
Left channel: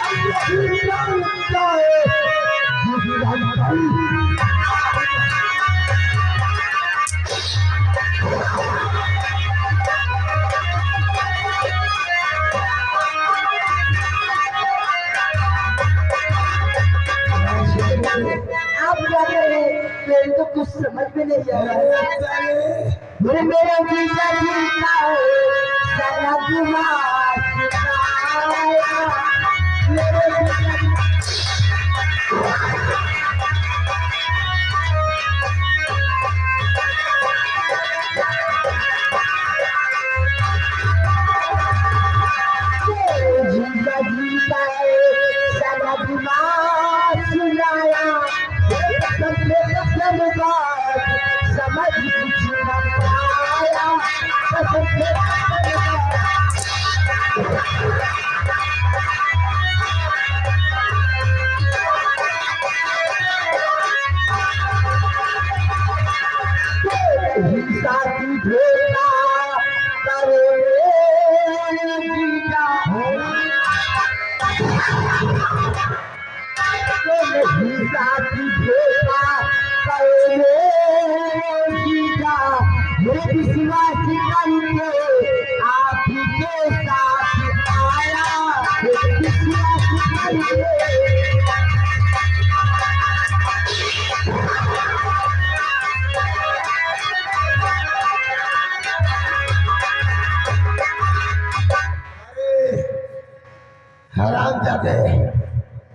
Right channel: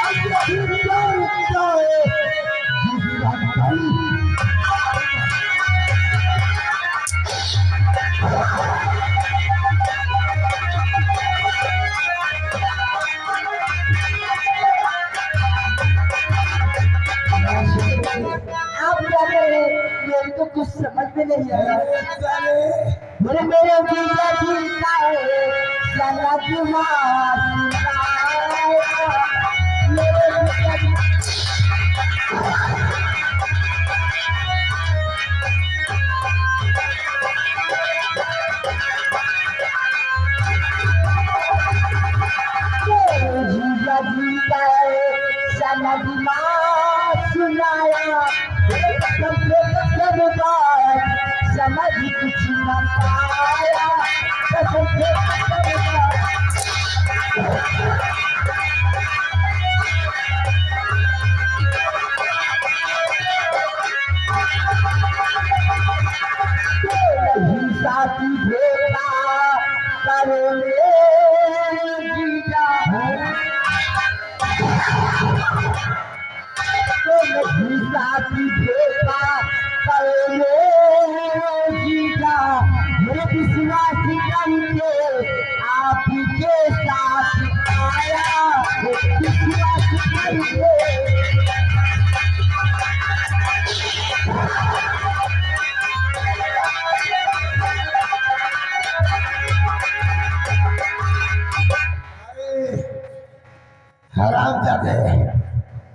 अब यही जानता है जिसका भाई आप जाने मेरे को कुछ समझ में नहीं आ रहा। मेरे जीजा जी का है साला दिमाग सुनाया। मेरे जीजा जी जीजा जी का है साला दिमाग सुनाया। समझ कुछ न पाया। साथी भेटा नहीं साथी भेटा करोगे सीता मेरे विश्वासी करके आप के साथ आया विश्वासी करके हराम जाते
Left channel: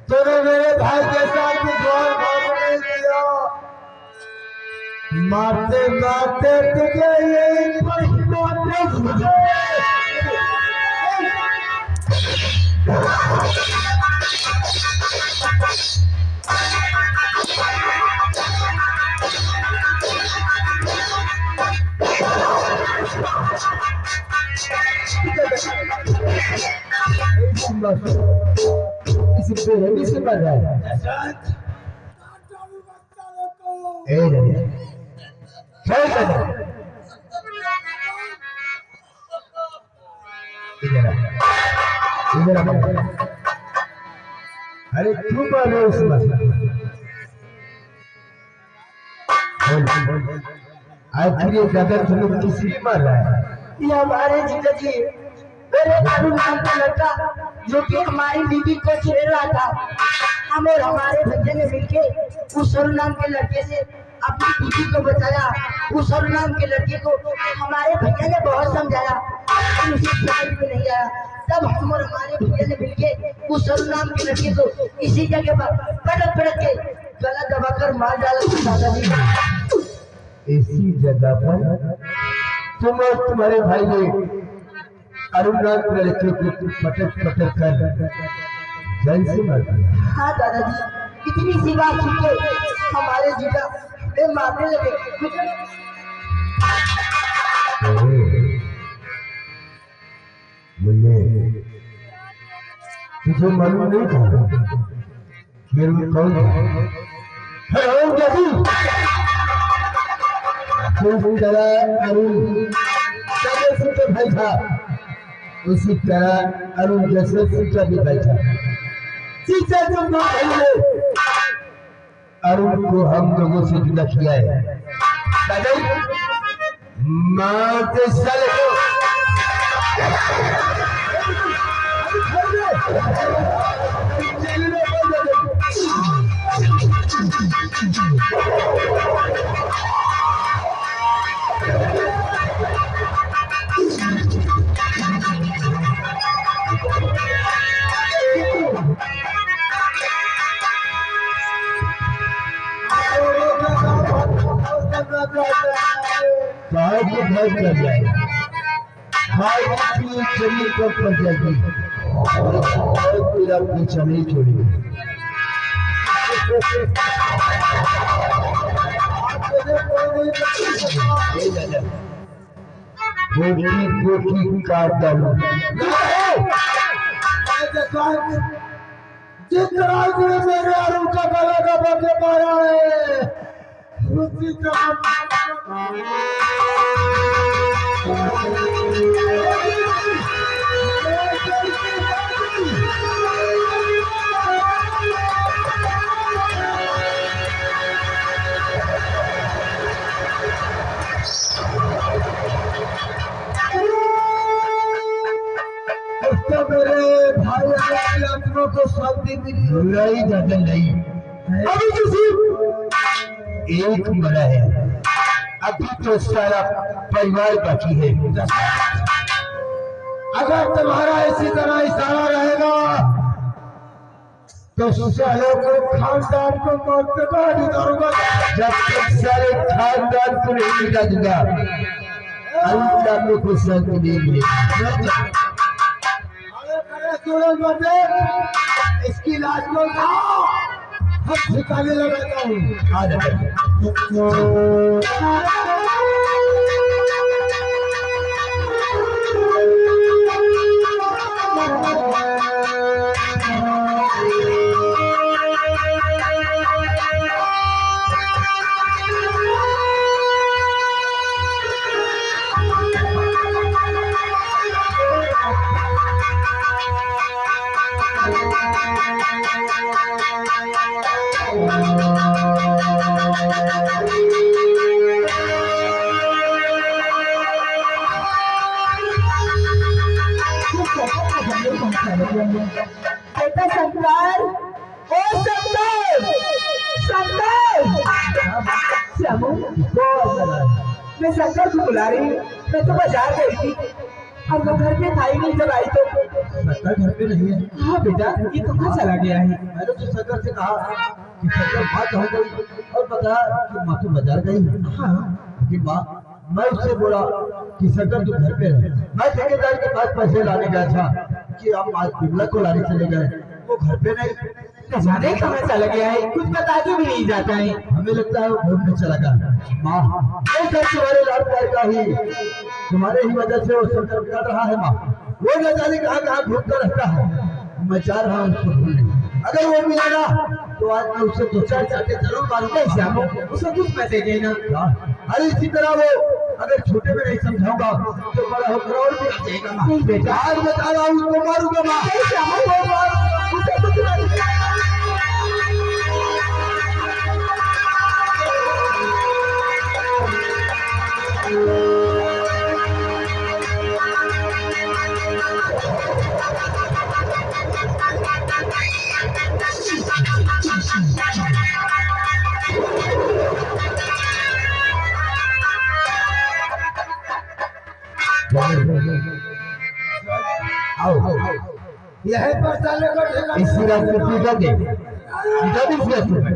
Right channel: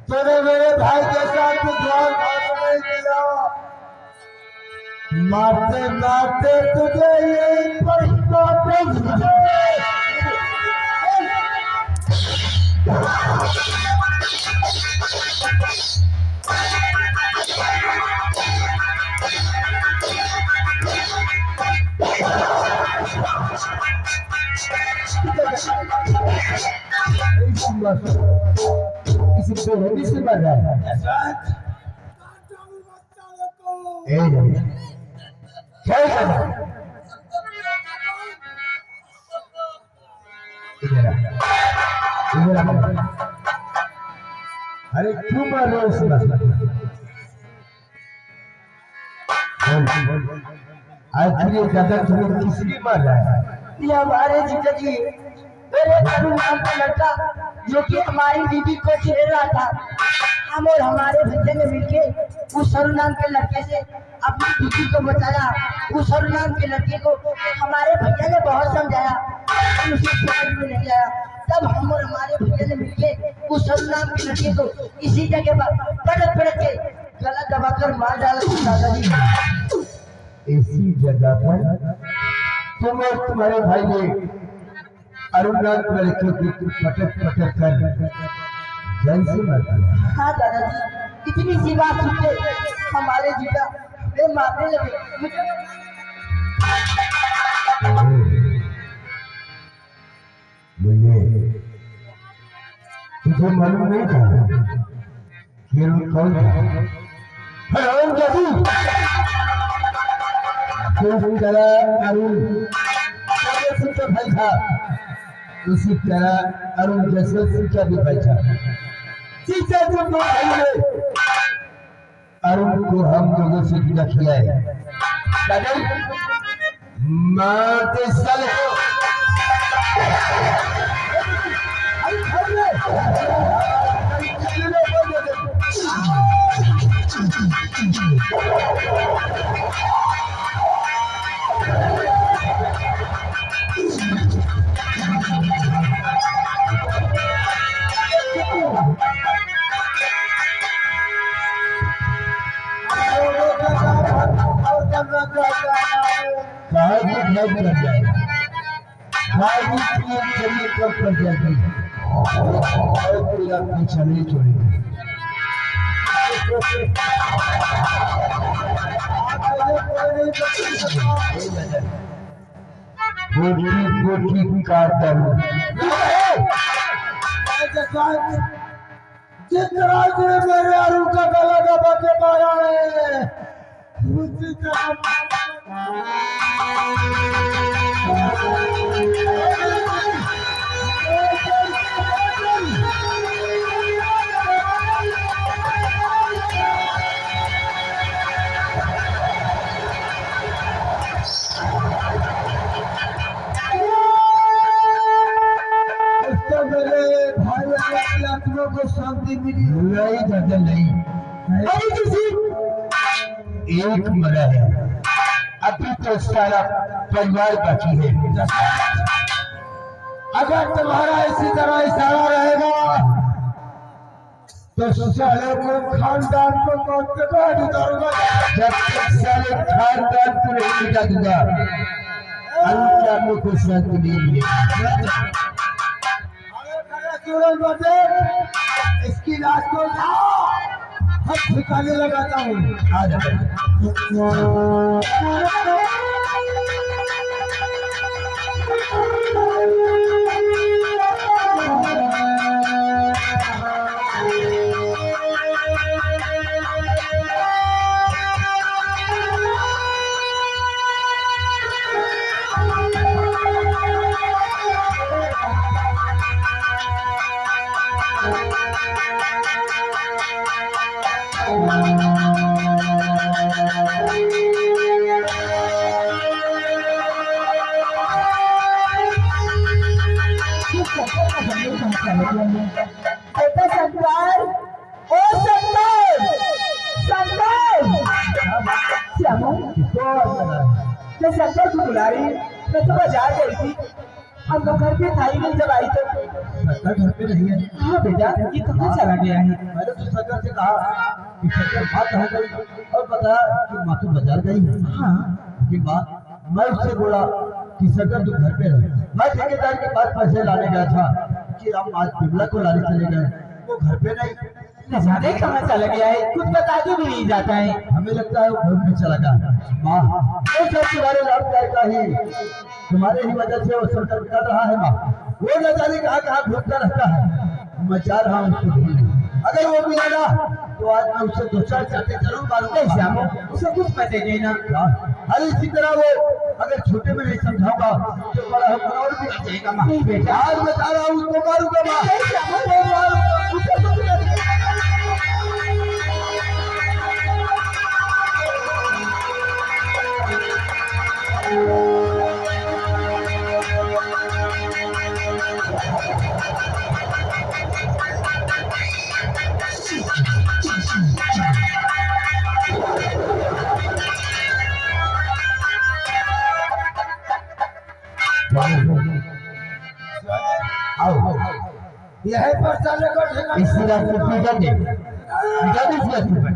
तूने मेरे भाई के साथ द्वार भाग नहीं किया मारते मारते तुझे ये पछताना इसी बेहदी से मर रहा है क्या करना इधर अरे क्यों मार रहे हो उसमें आज ये ज्यादा तुम्हें किसकी मार रहा है ये हमारे जीजा जी मेरे अरुण नाम का लड़का जो कि हमारी बीबी को छेड़ रहा था हम और हमारे भैया ने मिलके उस अरुण नाम के लड़के से अपनी बीबी को बचाया उस अरुण नाम के लड़के को हमारे भैया ने बहुत समझाया लेकिन उसे समझ में नहीं आया तब हम और हमारे भैया ने मिलके उस अरुण नाम के लड़के को इसी जगह पर पटक पटक के गला दबाकर मार डाला दादाजी इसी जगह पर तुम और तुम्हारे भाई ने अरुण नाम के लड़के को पटक पटक कर जल से मार दिया हाँ दादाजी इतनी सी बात सुन के हमारे जीजा वे मारने लगे मुझे तुझे मालूम नहीं था कि कौन हराम जाती जिस तरह अरुण सिंह का भाई था उसी तरह अरुण जसवंत सिंह का भी भाई था तीसरे जो लोग भाई ने अरुण को हम लोगों से जुदा किया है दादा माँ के साले को जमीन पर पड़ जाएगी और फिर अपनी जमीन छोड़ी गोटी गोटी काट डालू जिस रात में मेरे अरुण का गला दबा के मारा है उसी का मेरे भाई की आत्मा को शांति मिली नहीं दादा नहीं अभी तो सिर्फ एक मरा है अभी तो सारा परिवार बाकी है अगर तुम्हारा इसी तरह इशारा रहेगा तो सालों को खानदान को मौत के बाद उतारूंगा जब तक सारे खानदान को नहीं मिटा दूंगा अल्लाह को शांति नहीं मिलेगी इसकी लाश को उठाओ हम ठिकाने लगाता हूँ बेटा शंकर, ओ शंकर, शंकर, श्यामू, मैं शंकर को बुला रही हूँ। मैं तो बाजार गई थी और वो घर पे था ही नहीं। जब आई तो शंकर घर पे नहीं है। हाँ बेटा, ये कहाँ चला गया है? मैंने तो शंकर से कहा कि शंकर बात हो गई और बताया कि माँ तो बाजार गई। हाँ कि माँ, मैं उससे बोला कि शंकर तू घर पे रहे। मैं ठेकेदार के पास पैसे लाने गया था कि हम आज बिमला को लाने चले गए, वो घर पे नहीं। न जाने कहाँ चला गया है, कुछ बता के भी नहीं जाता है। हमें लगता है वो घूमने चला गया। माँ, वो सब तुम्हारे लाड प्यार का ही, तुम्हारे ही वजह से वो शंकर कर रहा है। माँ, वो न जाने कहाँ कहाँ घूमता रहता है। मैं चाह रहा हूँ उसको ढूंढने। अगर वो मिलेगा तो आज मैं उससे दो चार चाटे जरूर मारूंगा। श्यामू, उसे कुछ पैसे देना। अरे इसी तरह वो अगर छोटे में नहीं समझाऊंगा तो बड़ा होकर और भी आ जाएगा। माँ, नहीं बेटा, आज मैं चाह रहा हूँ उसको मारूंगा। माँ, नहीं श्यामू, वो मारूंगा, उसे कुछ नहीं। आओ, यह पर चलने को ठेका इसी रास्ते पीटा दे, पीटा दे इसी रास्ते में।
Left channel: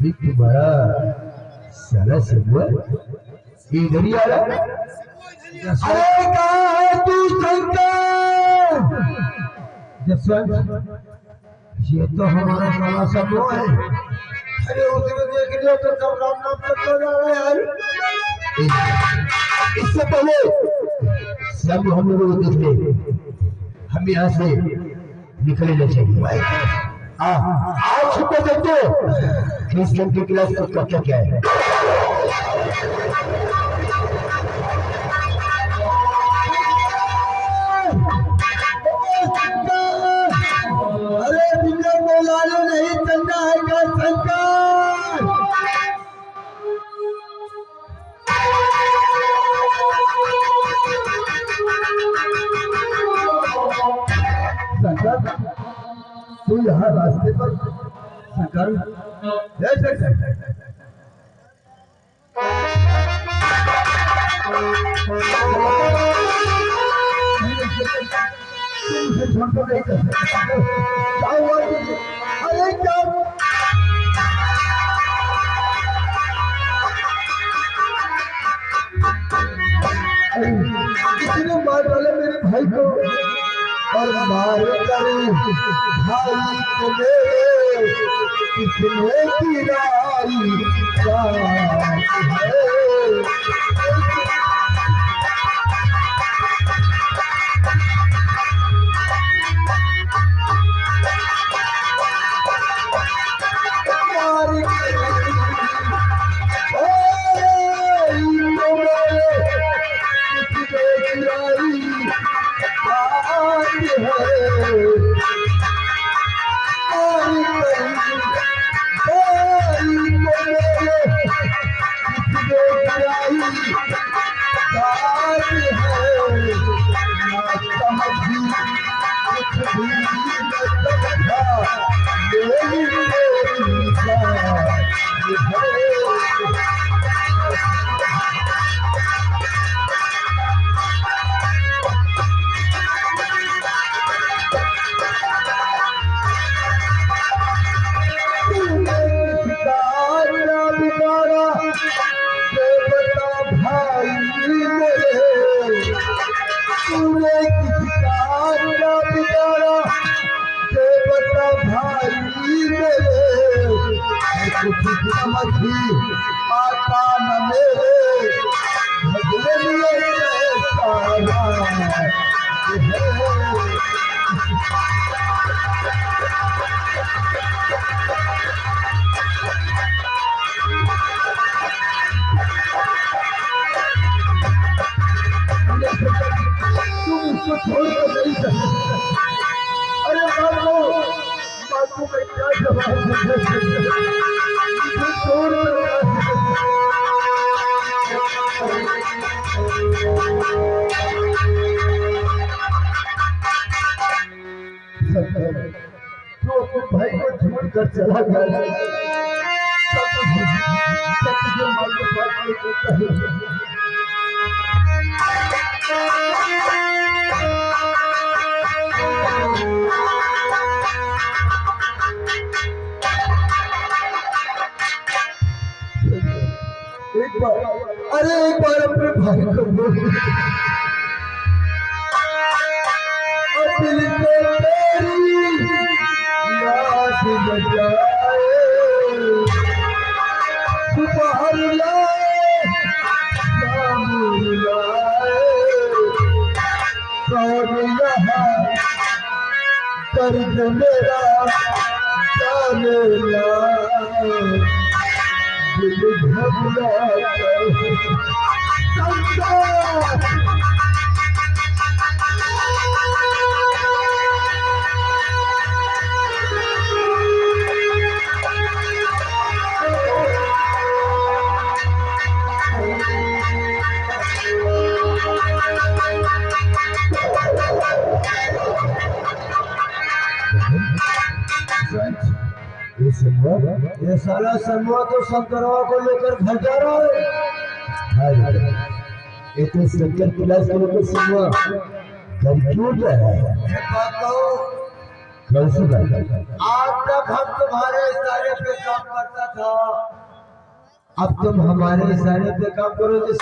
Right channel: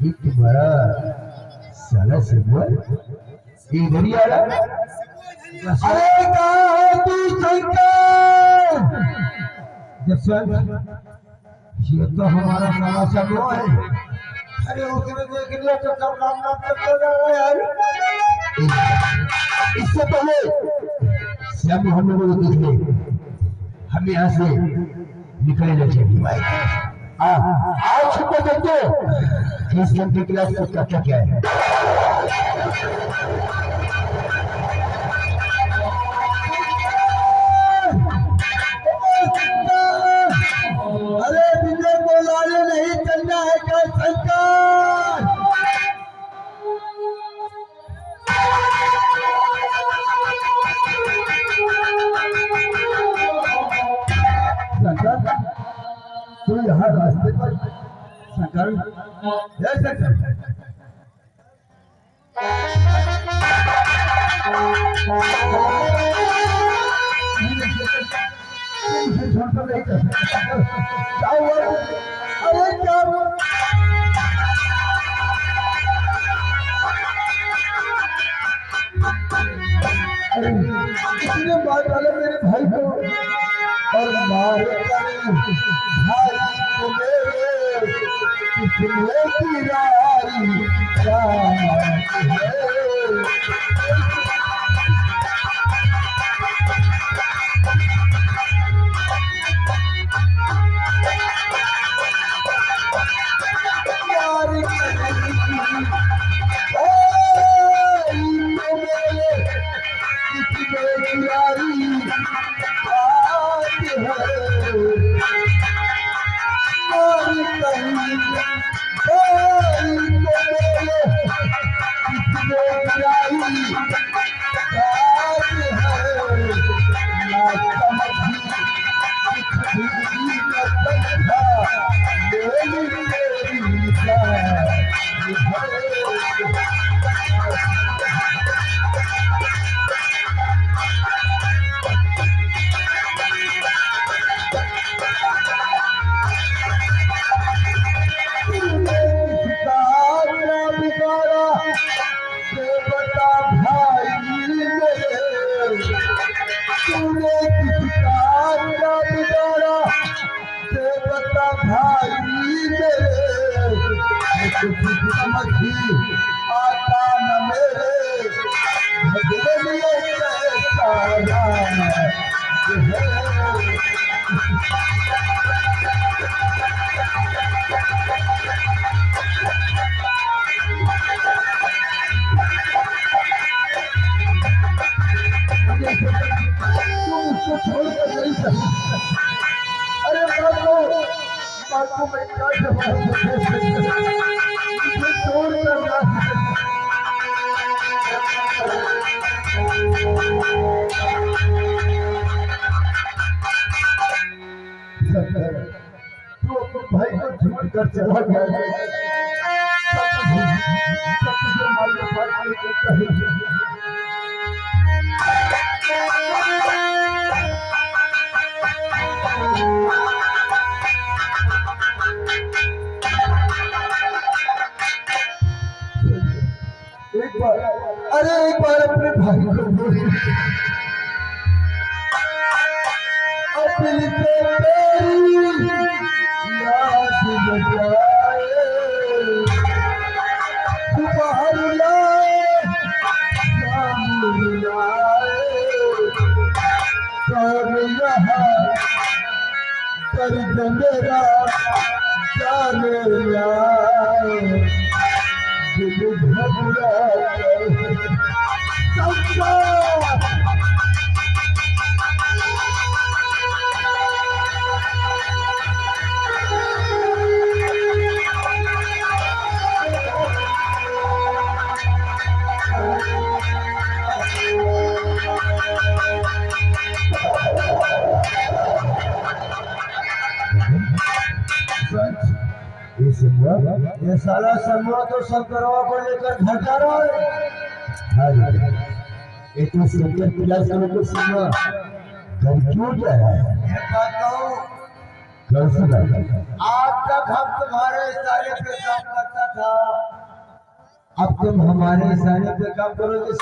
ये तुम्हारा साला सिंबल इधर ही आ रहा। अरे कहाँ है तू शंकर? जसवंत, ये तो हमारा साला समूह है। अरे उसने देख लिया तो सब नाम नाम तक हो जाए यार। इससे पहले सब हम लोगों को देख ले, हम यहाँ से निकले ले चाहिए भाई। हाँ, आज छुट्टे देखते हो इस लड़की क्लास का क्या क्या है। अरे बिना बोलाने नहीं चलना है क्या शंकर? शंकर, तू यहाँ रास्ते पर शंकर, जय शंकर। नहीं कर सकता। क्या हुआ? अरे क्या इतने मार डाले मेरे भाई को और मार करूं भाई को मेरे कितने की राई है। आता न मेरे भगले लिए को छोड़कर नहीं सकता। अरे बापू मैं क्या जवाब मुझे छोड़ तू अपने भाई को छोड़ कर चला गया तुझे मालूम करता है। अरे एक बार अपने भाई को बोल और दिल पे तेरी याद बजाए तू बाहर लाए शाम लाए कौन यहाँ दर्द मेरा जाने लाए दिल घबरा ये सारा समूह तो शंकरवा को लेकर घर जा रहा है। ये तो शंकर क्लास को समूह घर क्यों जा रहा है? कल से आज तक हम तुम्हारे इशारे पे काम करता था, अब तुम हमारे इशारे पे काम करोगे।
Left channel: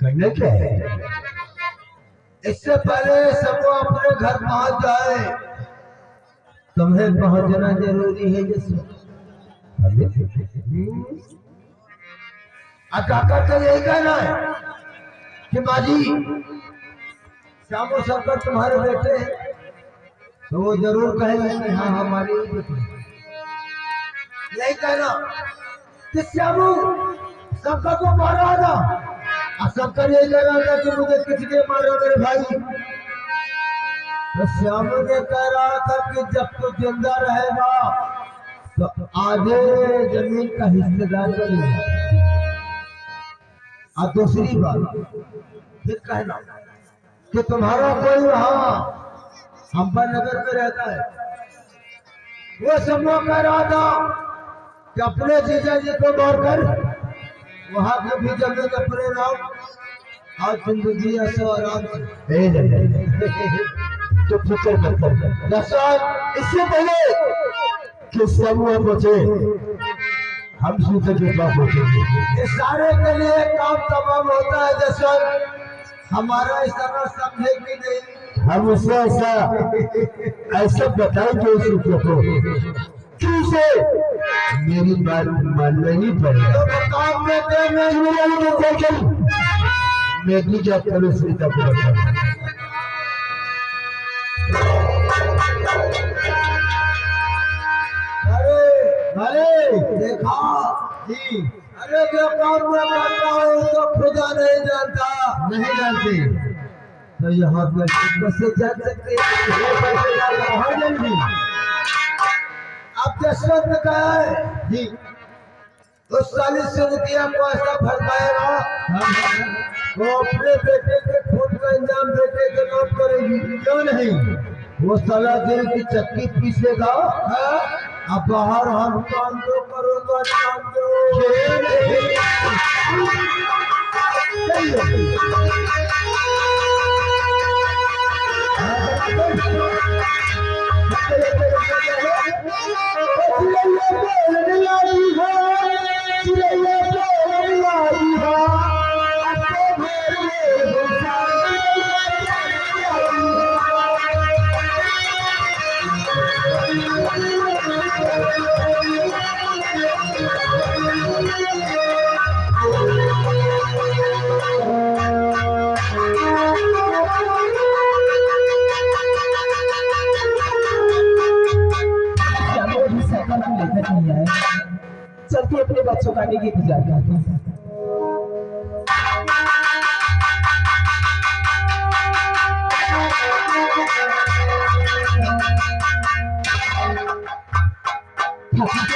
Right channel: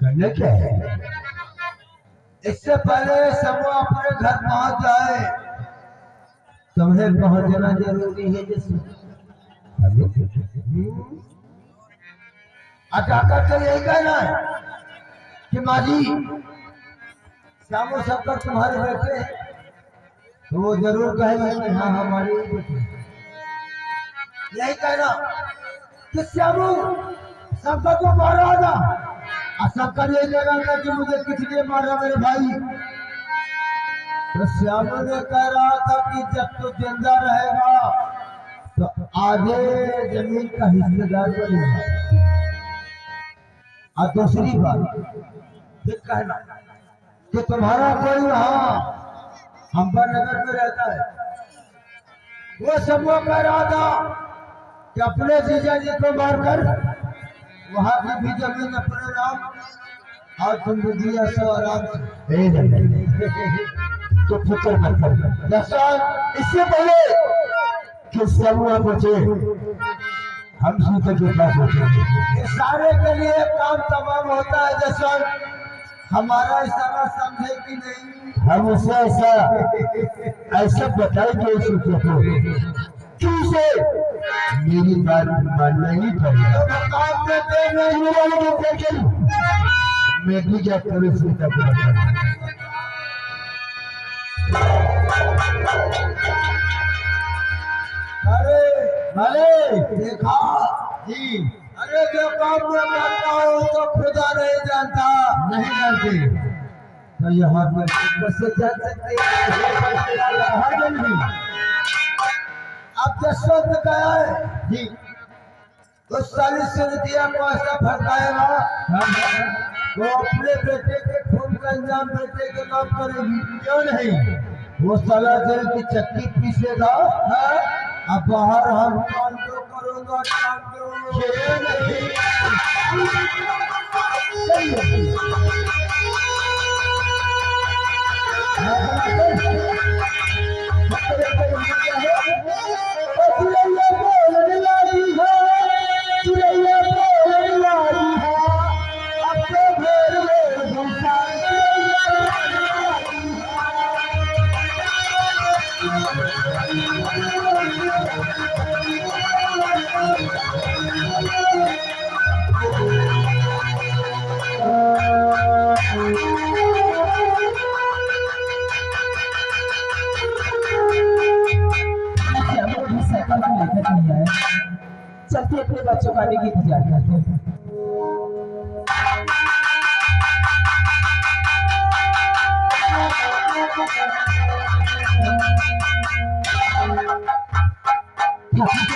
करना क्या है? इससे पहले समूह अपने घर पहुंच जाए तुम्हें पहुंचना जरूरी है। जिसमें काका तो यही कहना है कि माजी श्यामू शंकर तुम्हारे बेटे हैं, तो वो जरूर कहेंगे कि हाँ हमारे बेटे। यही कहना कि श्यामू शंकर को मारा था और शंकर यही कह रहा था कि मुझे किसने मारा मेरे भाई। तो श्यामू ने कह रहा था कि जब तू जिंदा रहेगा तो आधे जमीन का हिस्सेदार बनेगा। और दूसरी बात फिर कहना कि तुम्हारा कोई वहां अंबानगर में रहता है, वो समूह कह रहा था कि अपने जीजा जी को मारकर वहां की भी जमीन अपने नाम और जिंदगी ऐसा आराम से तो फिक्र मत कर दर्शन। इससे पहले कि समूह बचे हम सूत्र के पास होते इस सारे के लिए काम तमाम होता है। जसवंत हमारा इशारा समझे कि नहीं, हम उसे ऐसा बताएंगे उसी को से मेरी बात मानना ही पड़ेगा। तो काम में मैं भी जब करूँ सीता को बता अरे देखा जी, अरे जो काम में करता हो तो खुदा नहीं जानता। नहीं जानते तो यहाँ पे कैसे जान सकते हैं जल्दी। अब जसवंत गया है जी, तो 40 रुपया को ऐसा भरपाएगा वो अपने बेटे के खून का इंजाम बेटे के नाम करेगी। क्यों नहीं? वो साला दिल की चक्की पीसेगा। अब बाहर हम काम तो करूंगा, काम चलते अपने बच्चों का भी इंतजार करते हैं।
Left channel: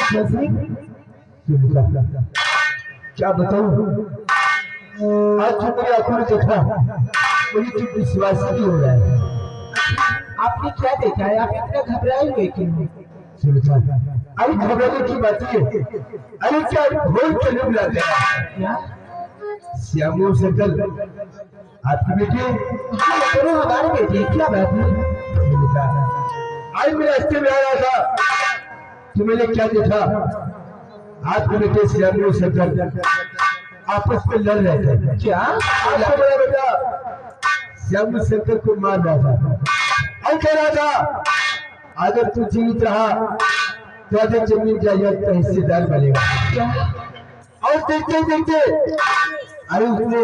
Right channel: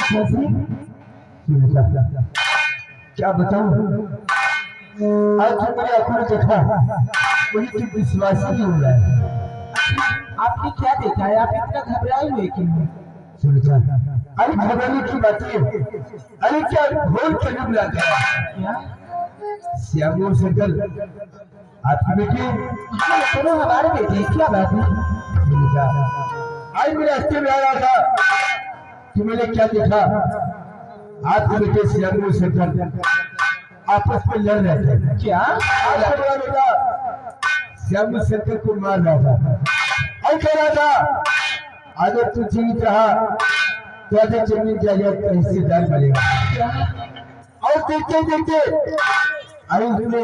सुनीता, क्या बताऊं, आज जो मेरी आंखों ने देखा मुझे तो विश्वास ही नहीं हो रहा है। आपने क्या देखा है? आप इतना घबराए हुए क्यों? सुनीता, अरे घबराने की बात है, अरे क्या घोर कलयुग लग गया। क्या? श्याम और शंकर आपकी बेटी दोनों हमारे बेटे, क्या बात है? सुनीता, आज मैं रास्ते में आ रहा था तो मैंने क्या देखा, आपके बेटे श्याम और शंकर आपस में लड़ रहे थे। क्या? आपका बड़ा बेटा श्याम शंकर को मार रहा था और कह रहा था अगर तू जीवित रहा तो आधे जमीन जायदाद का हिस्सेदार बनेगा। क्या? और देखते देखते अरे उसने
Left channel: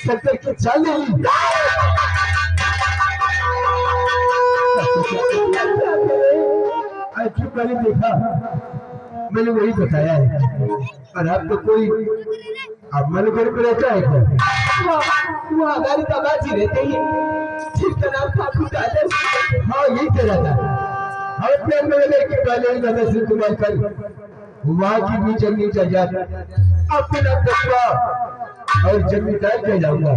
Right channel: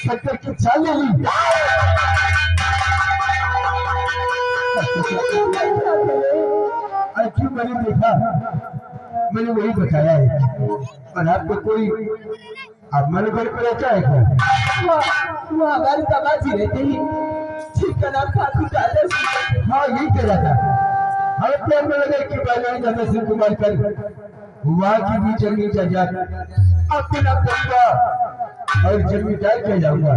शंकर की चाल ले ली। अरे क्यों, मैंने देखा, मैंने वही बताया है। और आपको कोई अब मन घर पर रहता है क्या? वो हमारी तबाजी रहते ही जिसका नाम ठाकुर दादा। हाँ यही कह रहा था, हम प्रेम में लगे कि पहले ही दादा सिंह कुमार कर वहाँ की भी जमीन जायदाद अपने नाम करूंगा और जमींदार कह जाऊंगा।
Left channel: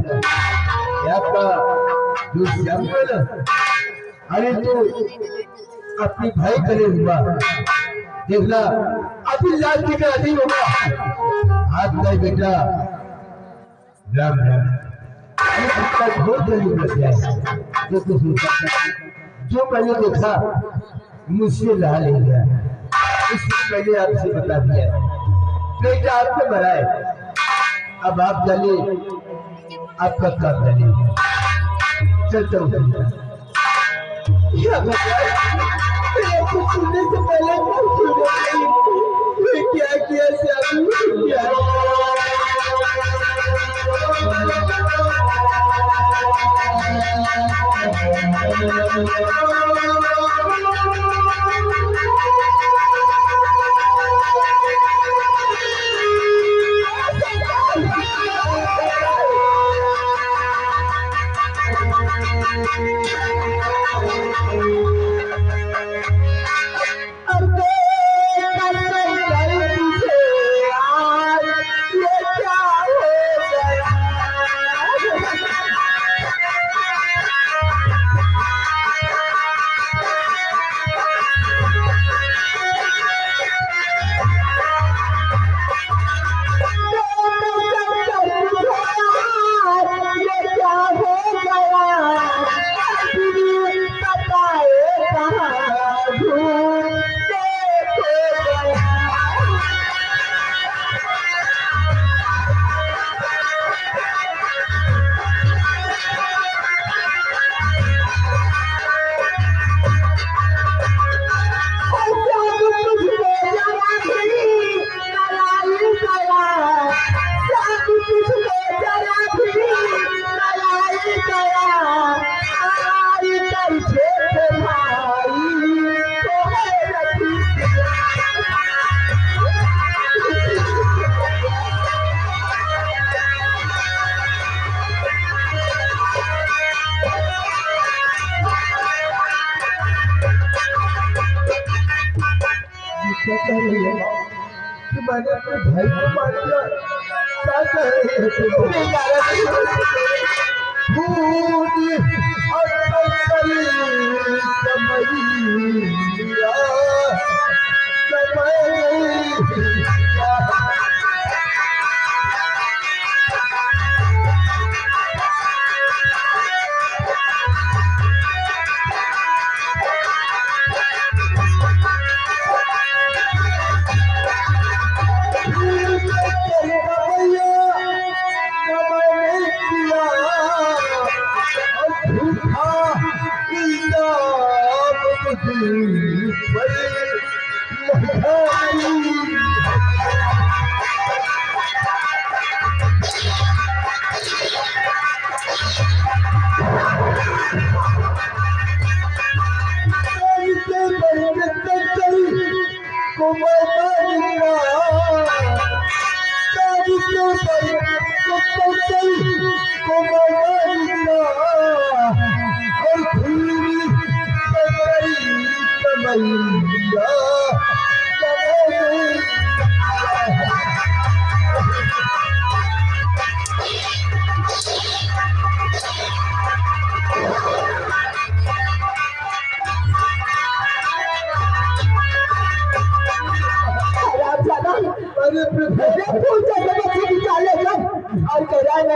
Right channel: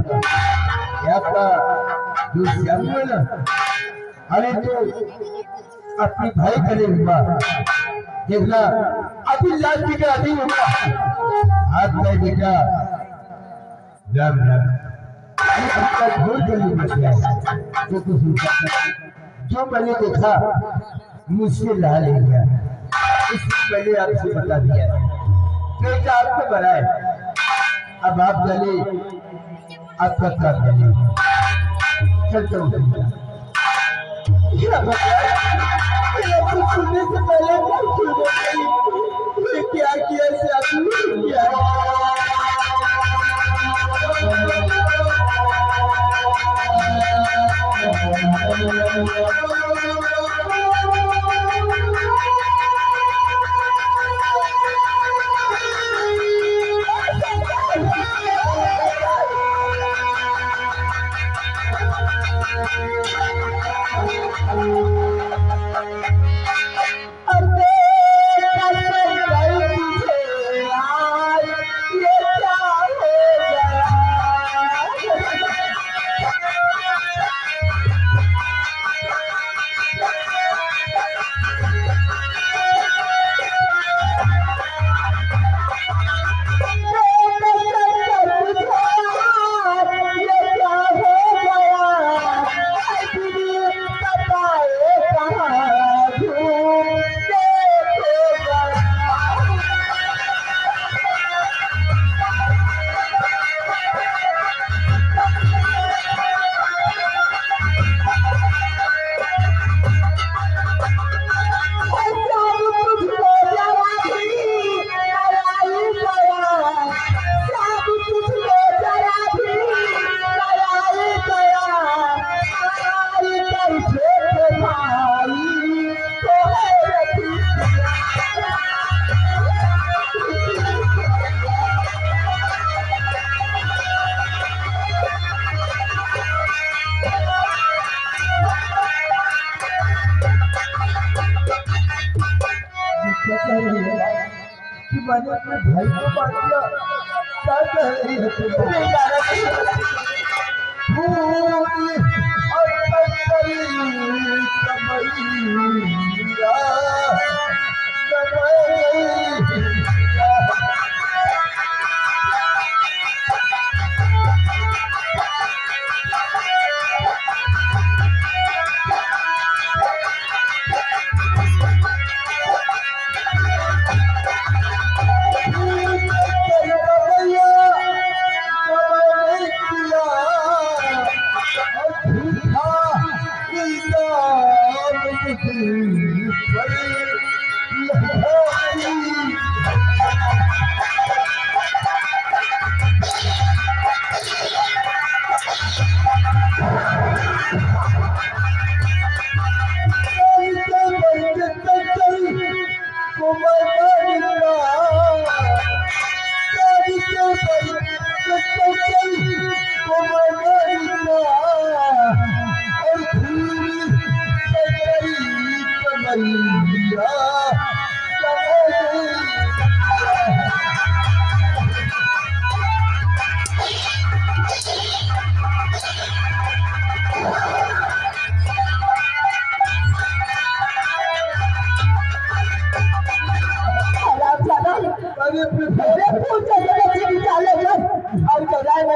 आपका जो श्याम है ना, अरे तो अपनी भाई करे हुआ देखना अभी लाल की का नहीं होगा। हाथ में बेटा राम राम, आपका घोर कलयुग लग गया है। देखो जो मैंने देखा मुझसे रहा नहीं गया, इसलिए मैंने आपसे बता दिया। बेटा आपको मरा है, अब आप जाने आपका काम जाने। चलता हूँ। क्या भगवान, मेरा कुछ सुनने से पहले कुछ सुने नहीं। मैं क्या किया श्याम, क्या? क्या कह रही है कि मैंने अपने भाई को मार दिया? क्या कह रही है तुम? भूल और कमैया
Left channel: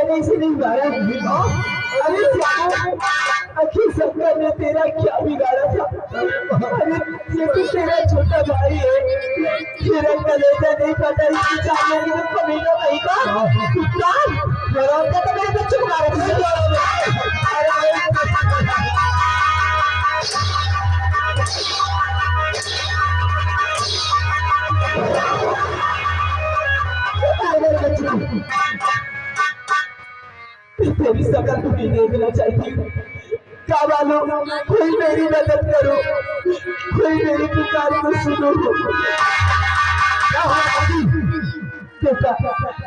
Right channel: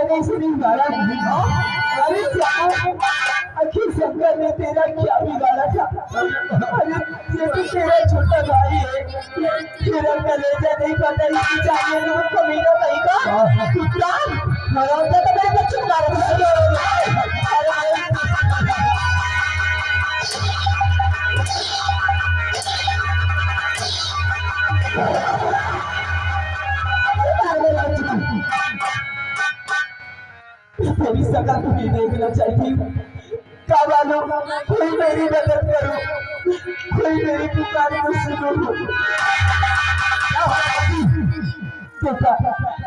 नहीं से नहीं बिगाड़ा। अरे आखिर शंकर ने तेरा क्या बिगाड़ा था? अरे ये तो तेरा छोटा भाई है, तेरा कलेजा नहीं पता इसकी जाने में तो कमीना नहीं का कुत्ता मरोगा तो मेरे बच्चों को मारेगा। तेरी शकल तुम्हें देखना चाहिए। क्या मालूम कोई मेरी मदद करो, कोई मेरी पुकार को सुनो। देखा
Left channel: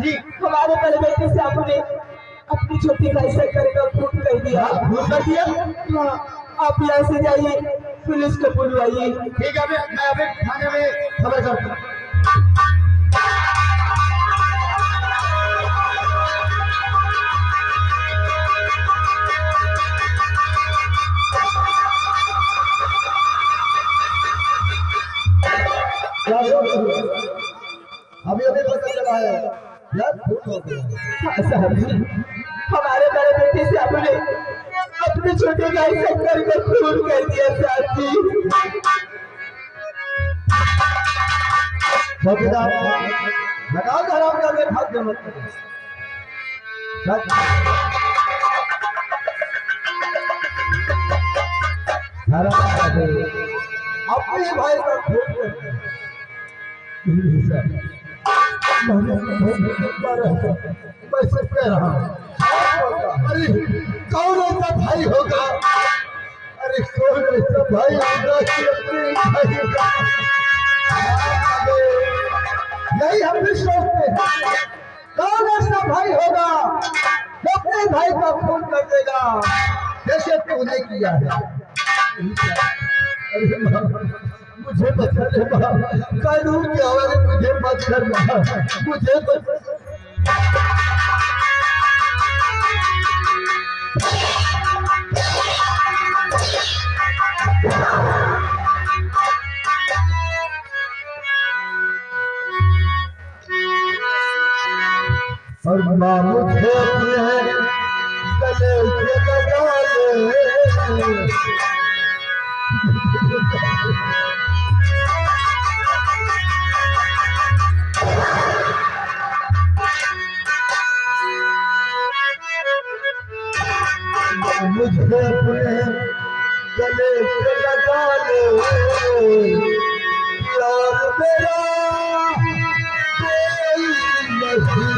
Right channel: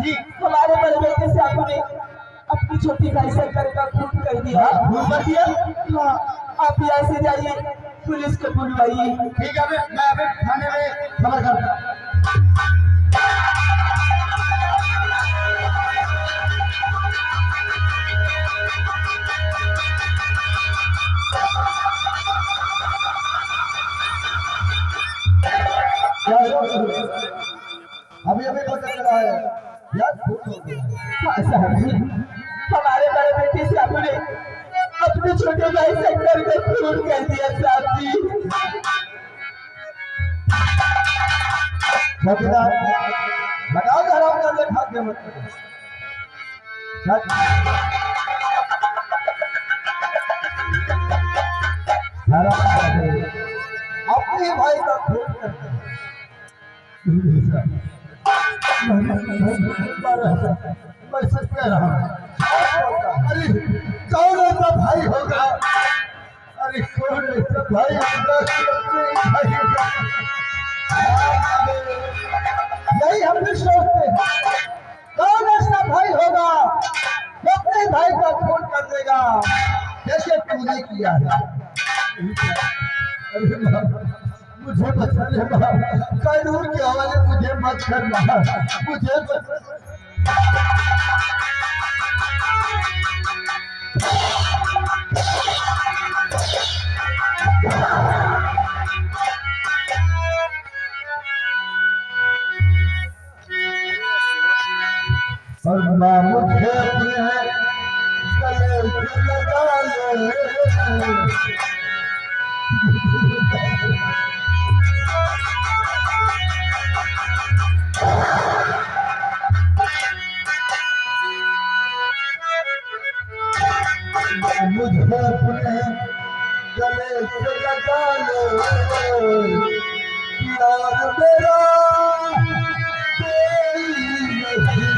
जी हमारे बड़े बेटे से आपने अपनी छोटी भाई शंकर का खून कर दिया। खून कर दिया? हाँ, आप यहाँ से जाइए, पुलिस को बुलवाइए। ठीक है, मैं अभी थाने में खबर करता हूँ। अभी अभी पता चला है यार, खून हो गया। साहब जी हमारे बड़े बेटे से आपने अपने छोटे भाई शंकर को खून कर दिया साहब जी। चौकीदार लगाओ हराम करके भाग्य मत करो। अपने भाई का खून करके मैं सच कह रहा हूं। अरे कौन ऐसा भाई होगा? अरे कौन ऐसा भाई होगा कि अपने भाई का नहीं हम भी सोचते हैं कौन ऐसा भाई होगा जो अपने भाई का खून कर देगा जैसे तूने किया है। अरे मुझे बचा ले कानून के हवाले मुझे मत करना, मुझे और माँ मुझे अपने गले से लगा ले। मुझे अपने गले से लगा ले यार मेरा कोई नहीं।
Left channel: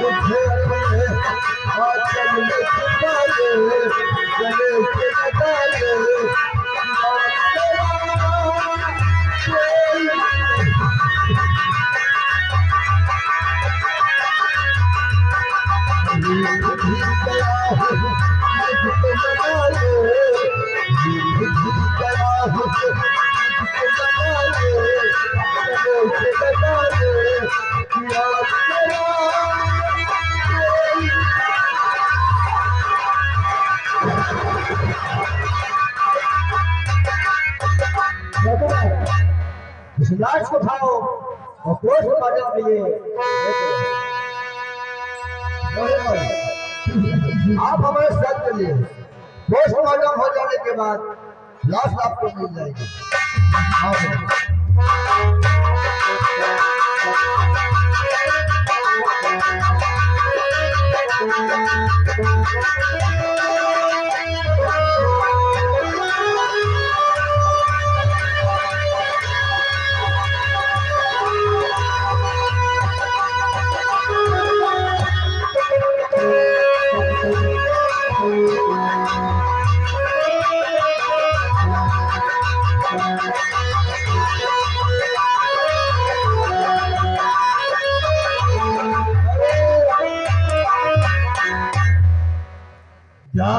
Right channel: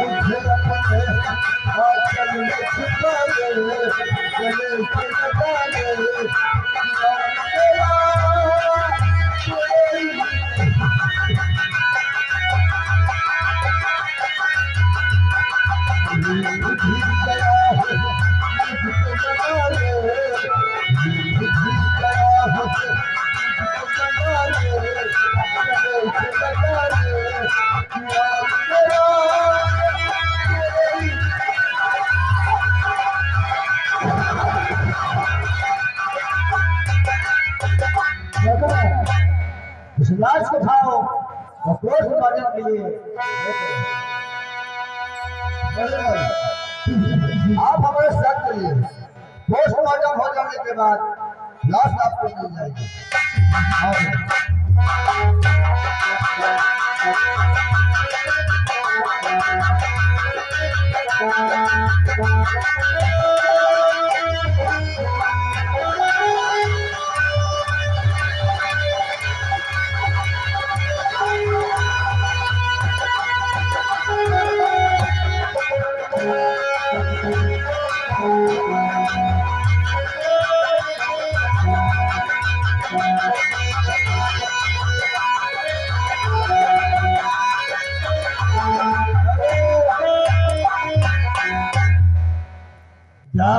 मुझे अपने आंचल में छुपा ले, गले से लगा ले यार मेरा कोई नहीं। इस लाश को उठाओ और पोस्टमार्टम के लिए आप हमारे साथ चलिए। पोस्टमार्टम हो जाने के बाद लाश आपको मिल जाएगी। जा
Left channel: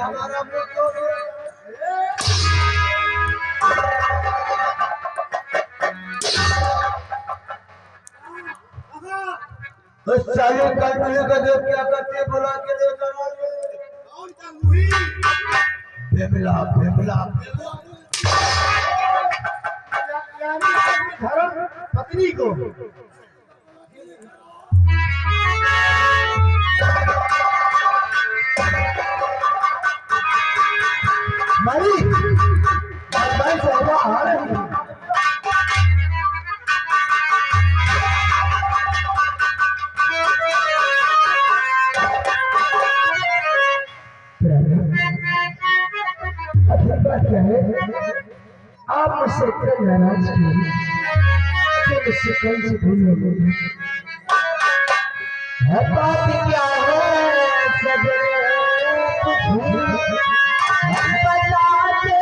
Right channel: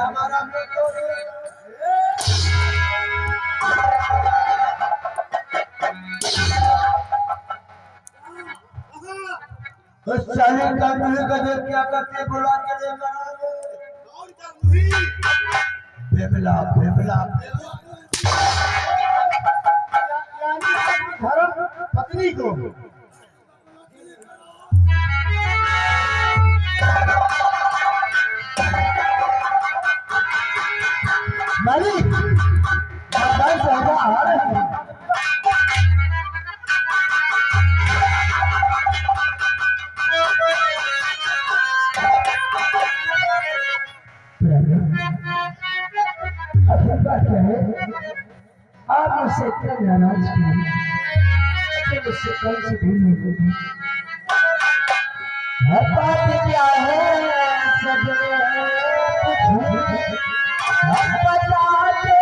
हमारा उस साले का मुझे का देख क्या करते बुला के लेकर कौन का मुही बेबला बेबला यानी धर्म पत्नी को मारी भाई साहब आ रहे हैं अभी बात क्या है आप मुझसे इतना नाराज क्यों हैं मुझसे कल से भूल हो गई है बात क्या है सब बताते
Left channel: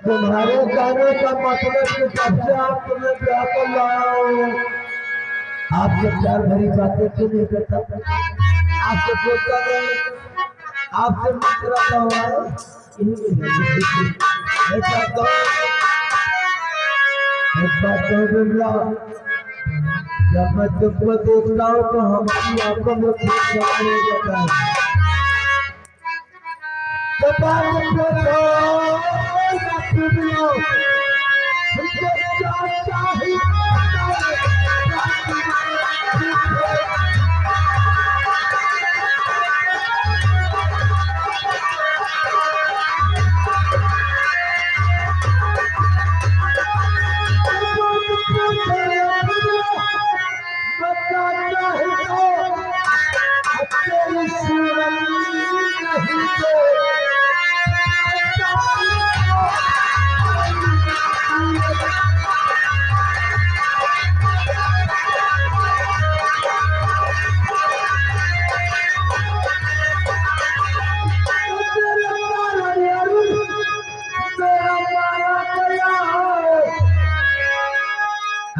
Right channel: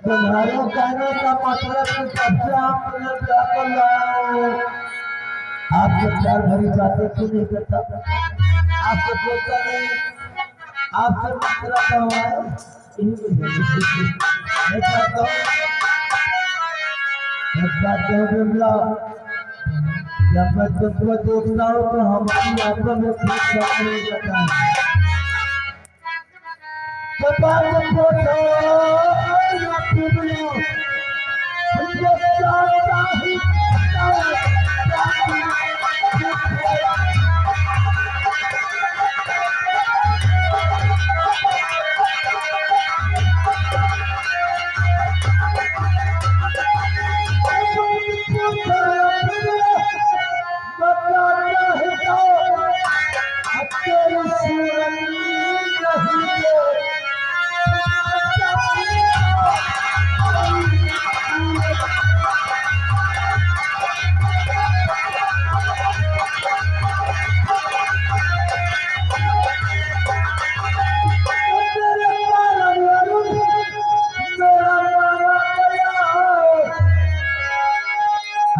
तुम्हारे कहने का मतलब कि कब से आप तुम्हें ब्याह कर लाया हो आपसे प्यार भरी बातें क्यों नहीं करता आपसे बोलता नहीं आपसे मुस्कुराता हुआ एक बात कहो बिमला जब मैं तुमको देखता हूँ तो हमारी आंखों में खूब सामने जाता है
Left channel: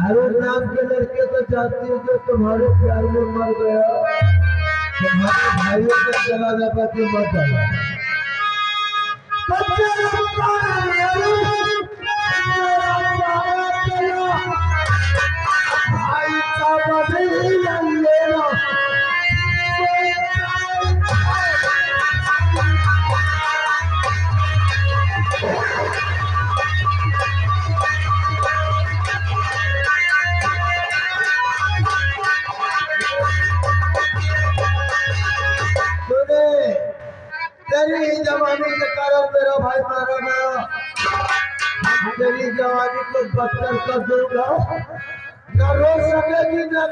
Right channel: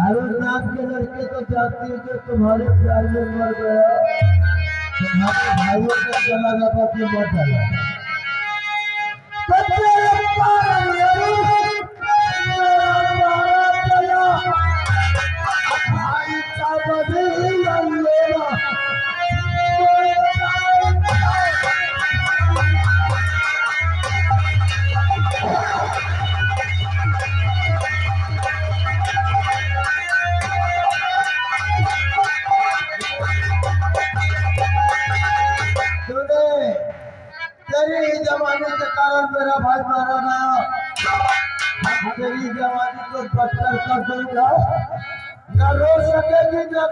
अरुण नाम के लड़के को चाहती है जो तुम्हारे प्यार में मर गया तुम्हारे भाइयों को चला जाता कि मर डाला भाई का बदला लेना तेरी जवानी के कारण मेरा भाई मारा गया तेरी जवानी को बदतर कर दूंगा न रो सकेगी न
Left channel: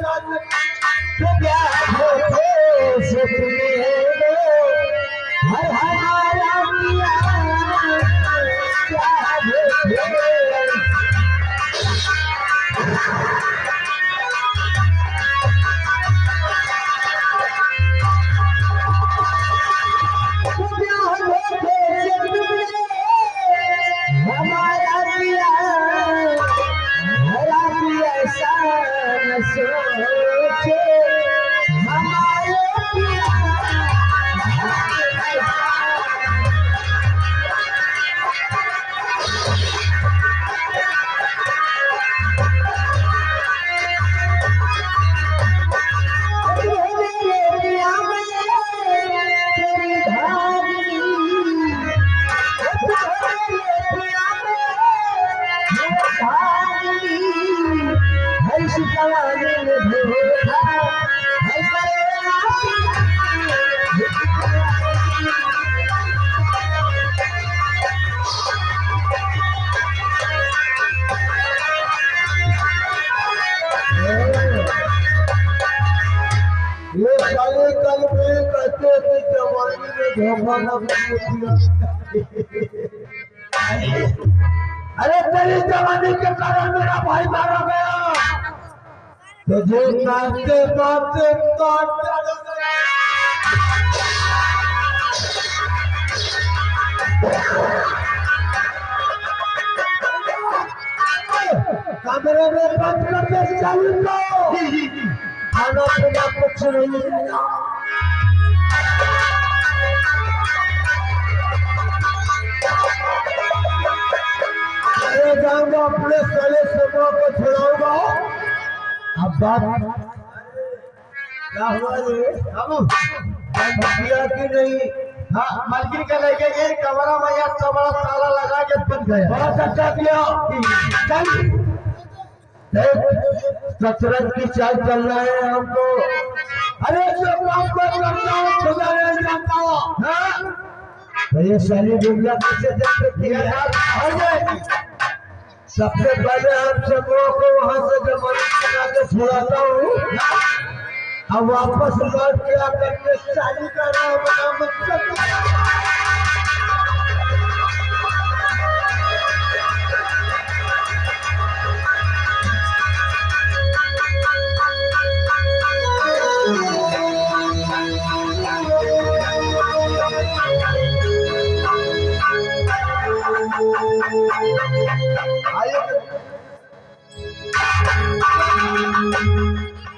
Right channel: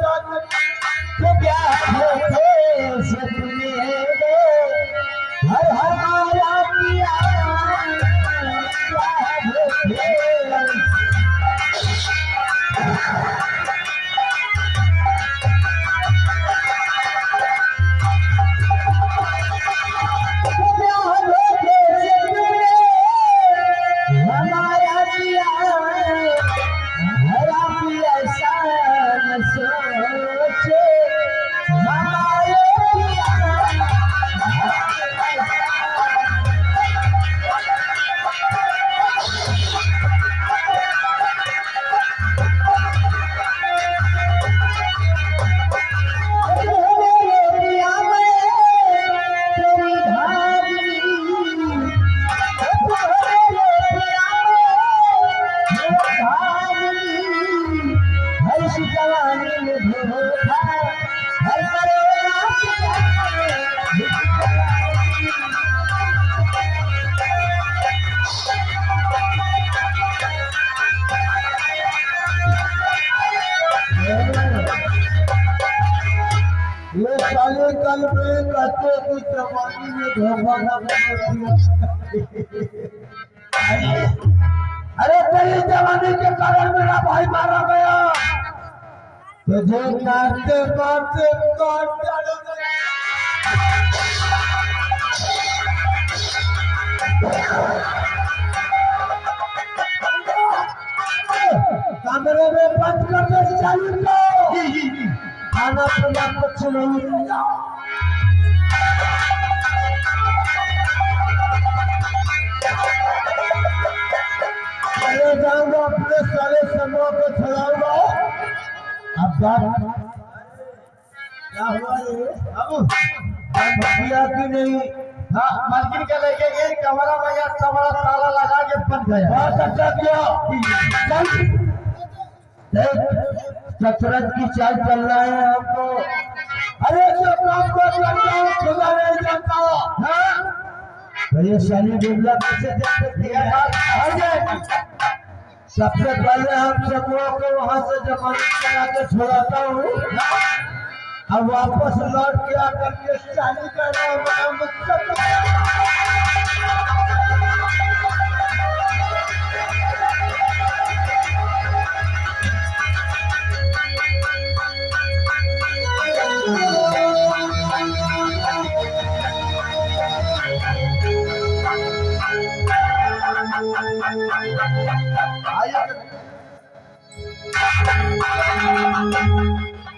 ये साले कल में कहते कि जवानी में धोखा ना अरे तेरी जवानी के कारण मेरा भाई मारा गया तुझे मारते मारते काट डाला गया कमरे में बंद करके चालू को खाना पीना कुछ नहीं मिलेगा चले जाऊंगा अपने साले समूह को छुड़ाऊंगा अब बात क्या हुआ रे अब किया कि नहीं हाँ मालकिन के लेके गए कमरा में या बड़ा ताला लगा के बंद गया बहुत अच्छा किया चल कसरत की चाल चल रहा है हमको अरे सब आपको लगता है खुदा नहीं जानता हाँ तो ये सारी दुनिया कैसे देखते दिया सबसे पहले हम सबों को वहां से जमानत करा के छुड़ाता हूँ अब वापस लौट के आकर के चाली कर रहा हूँ आइए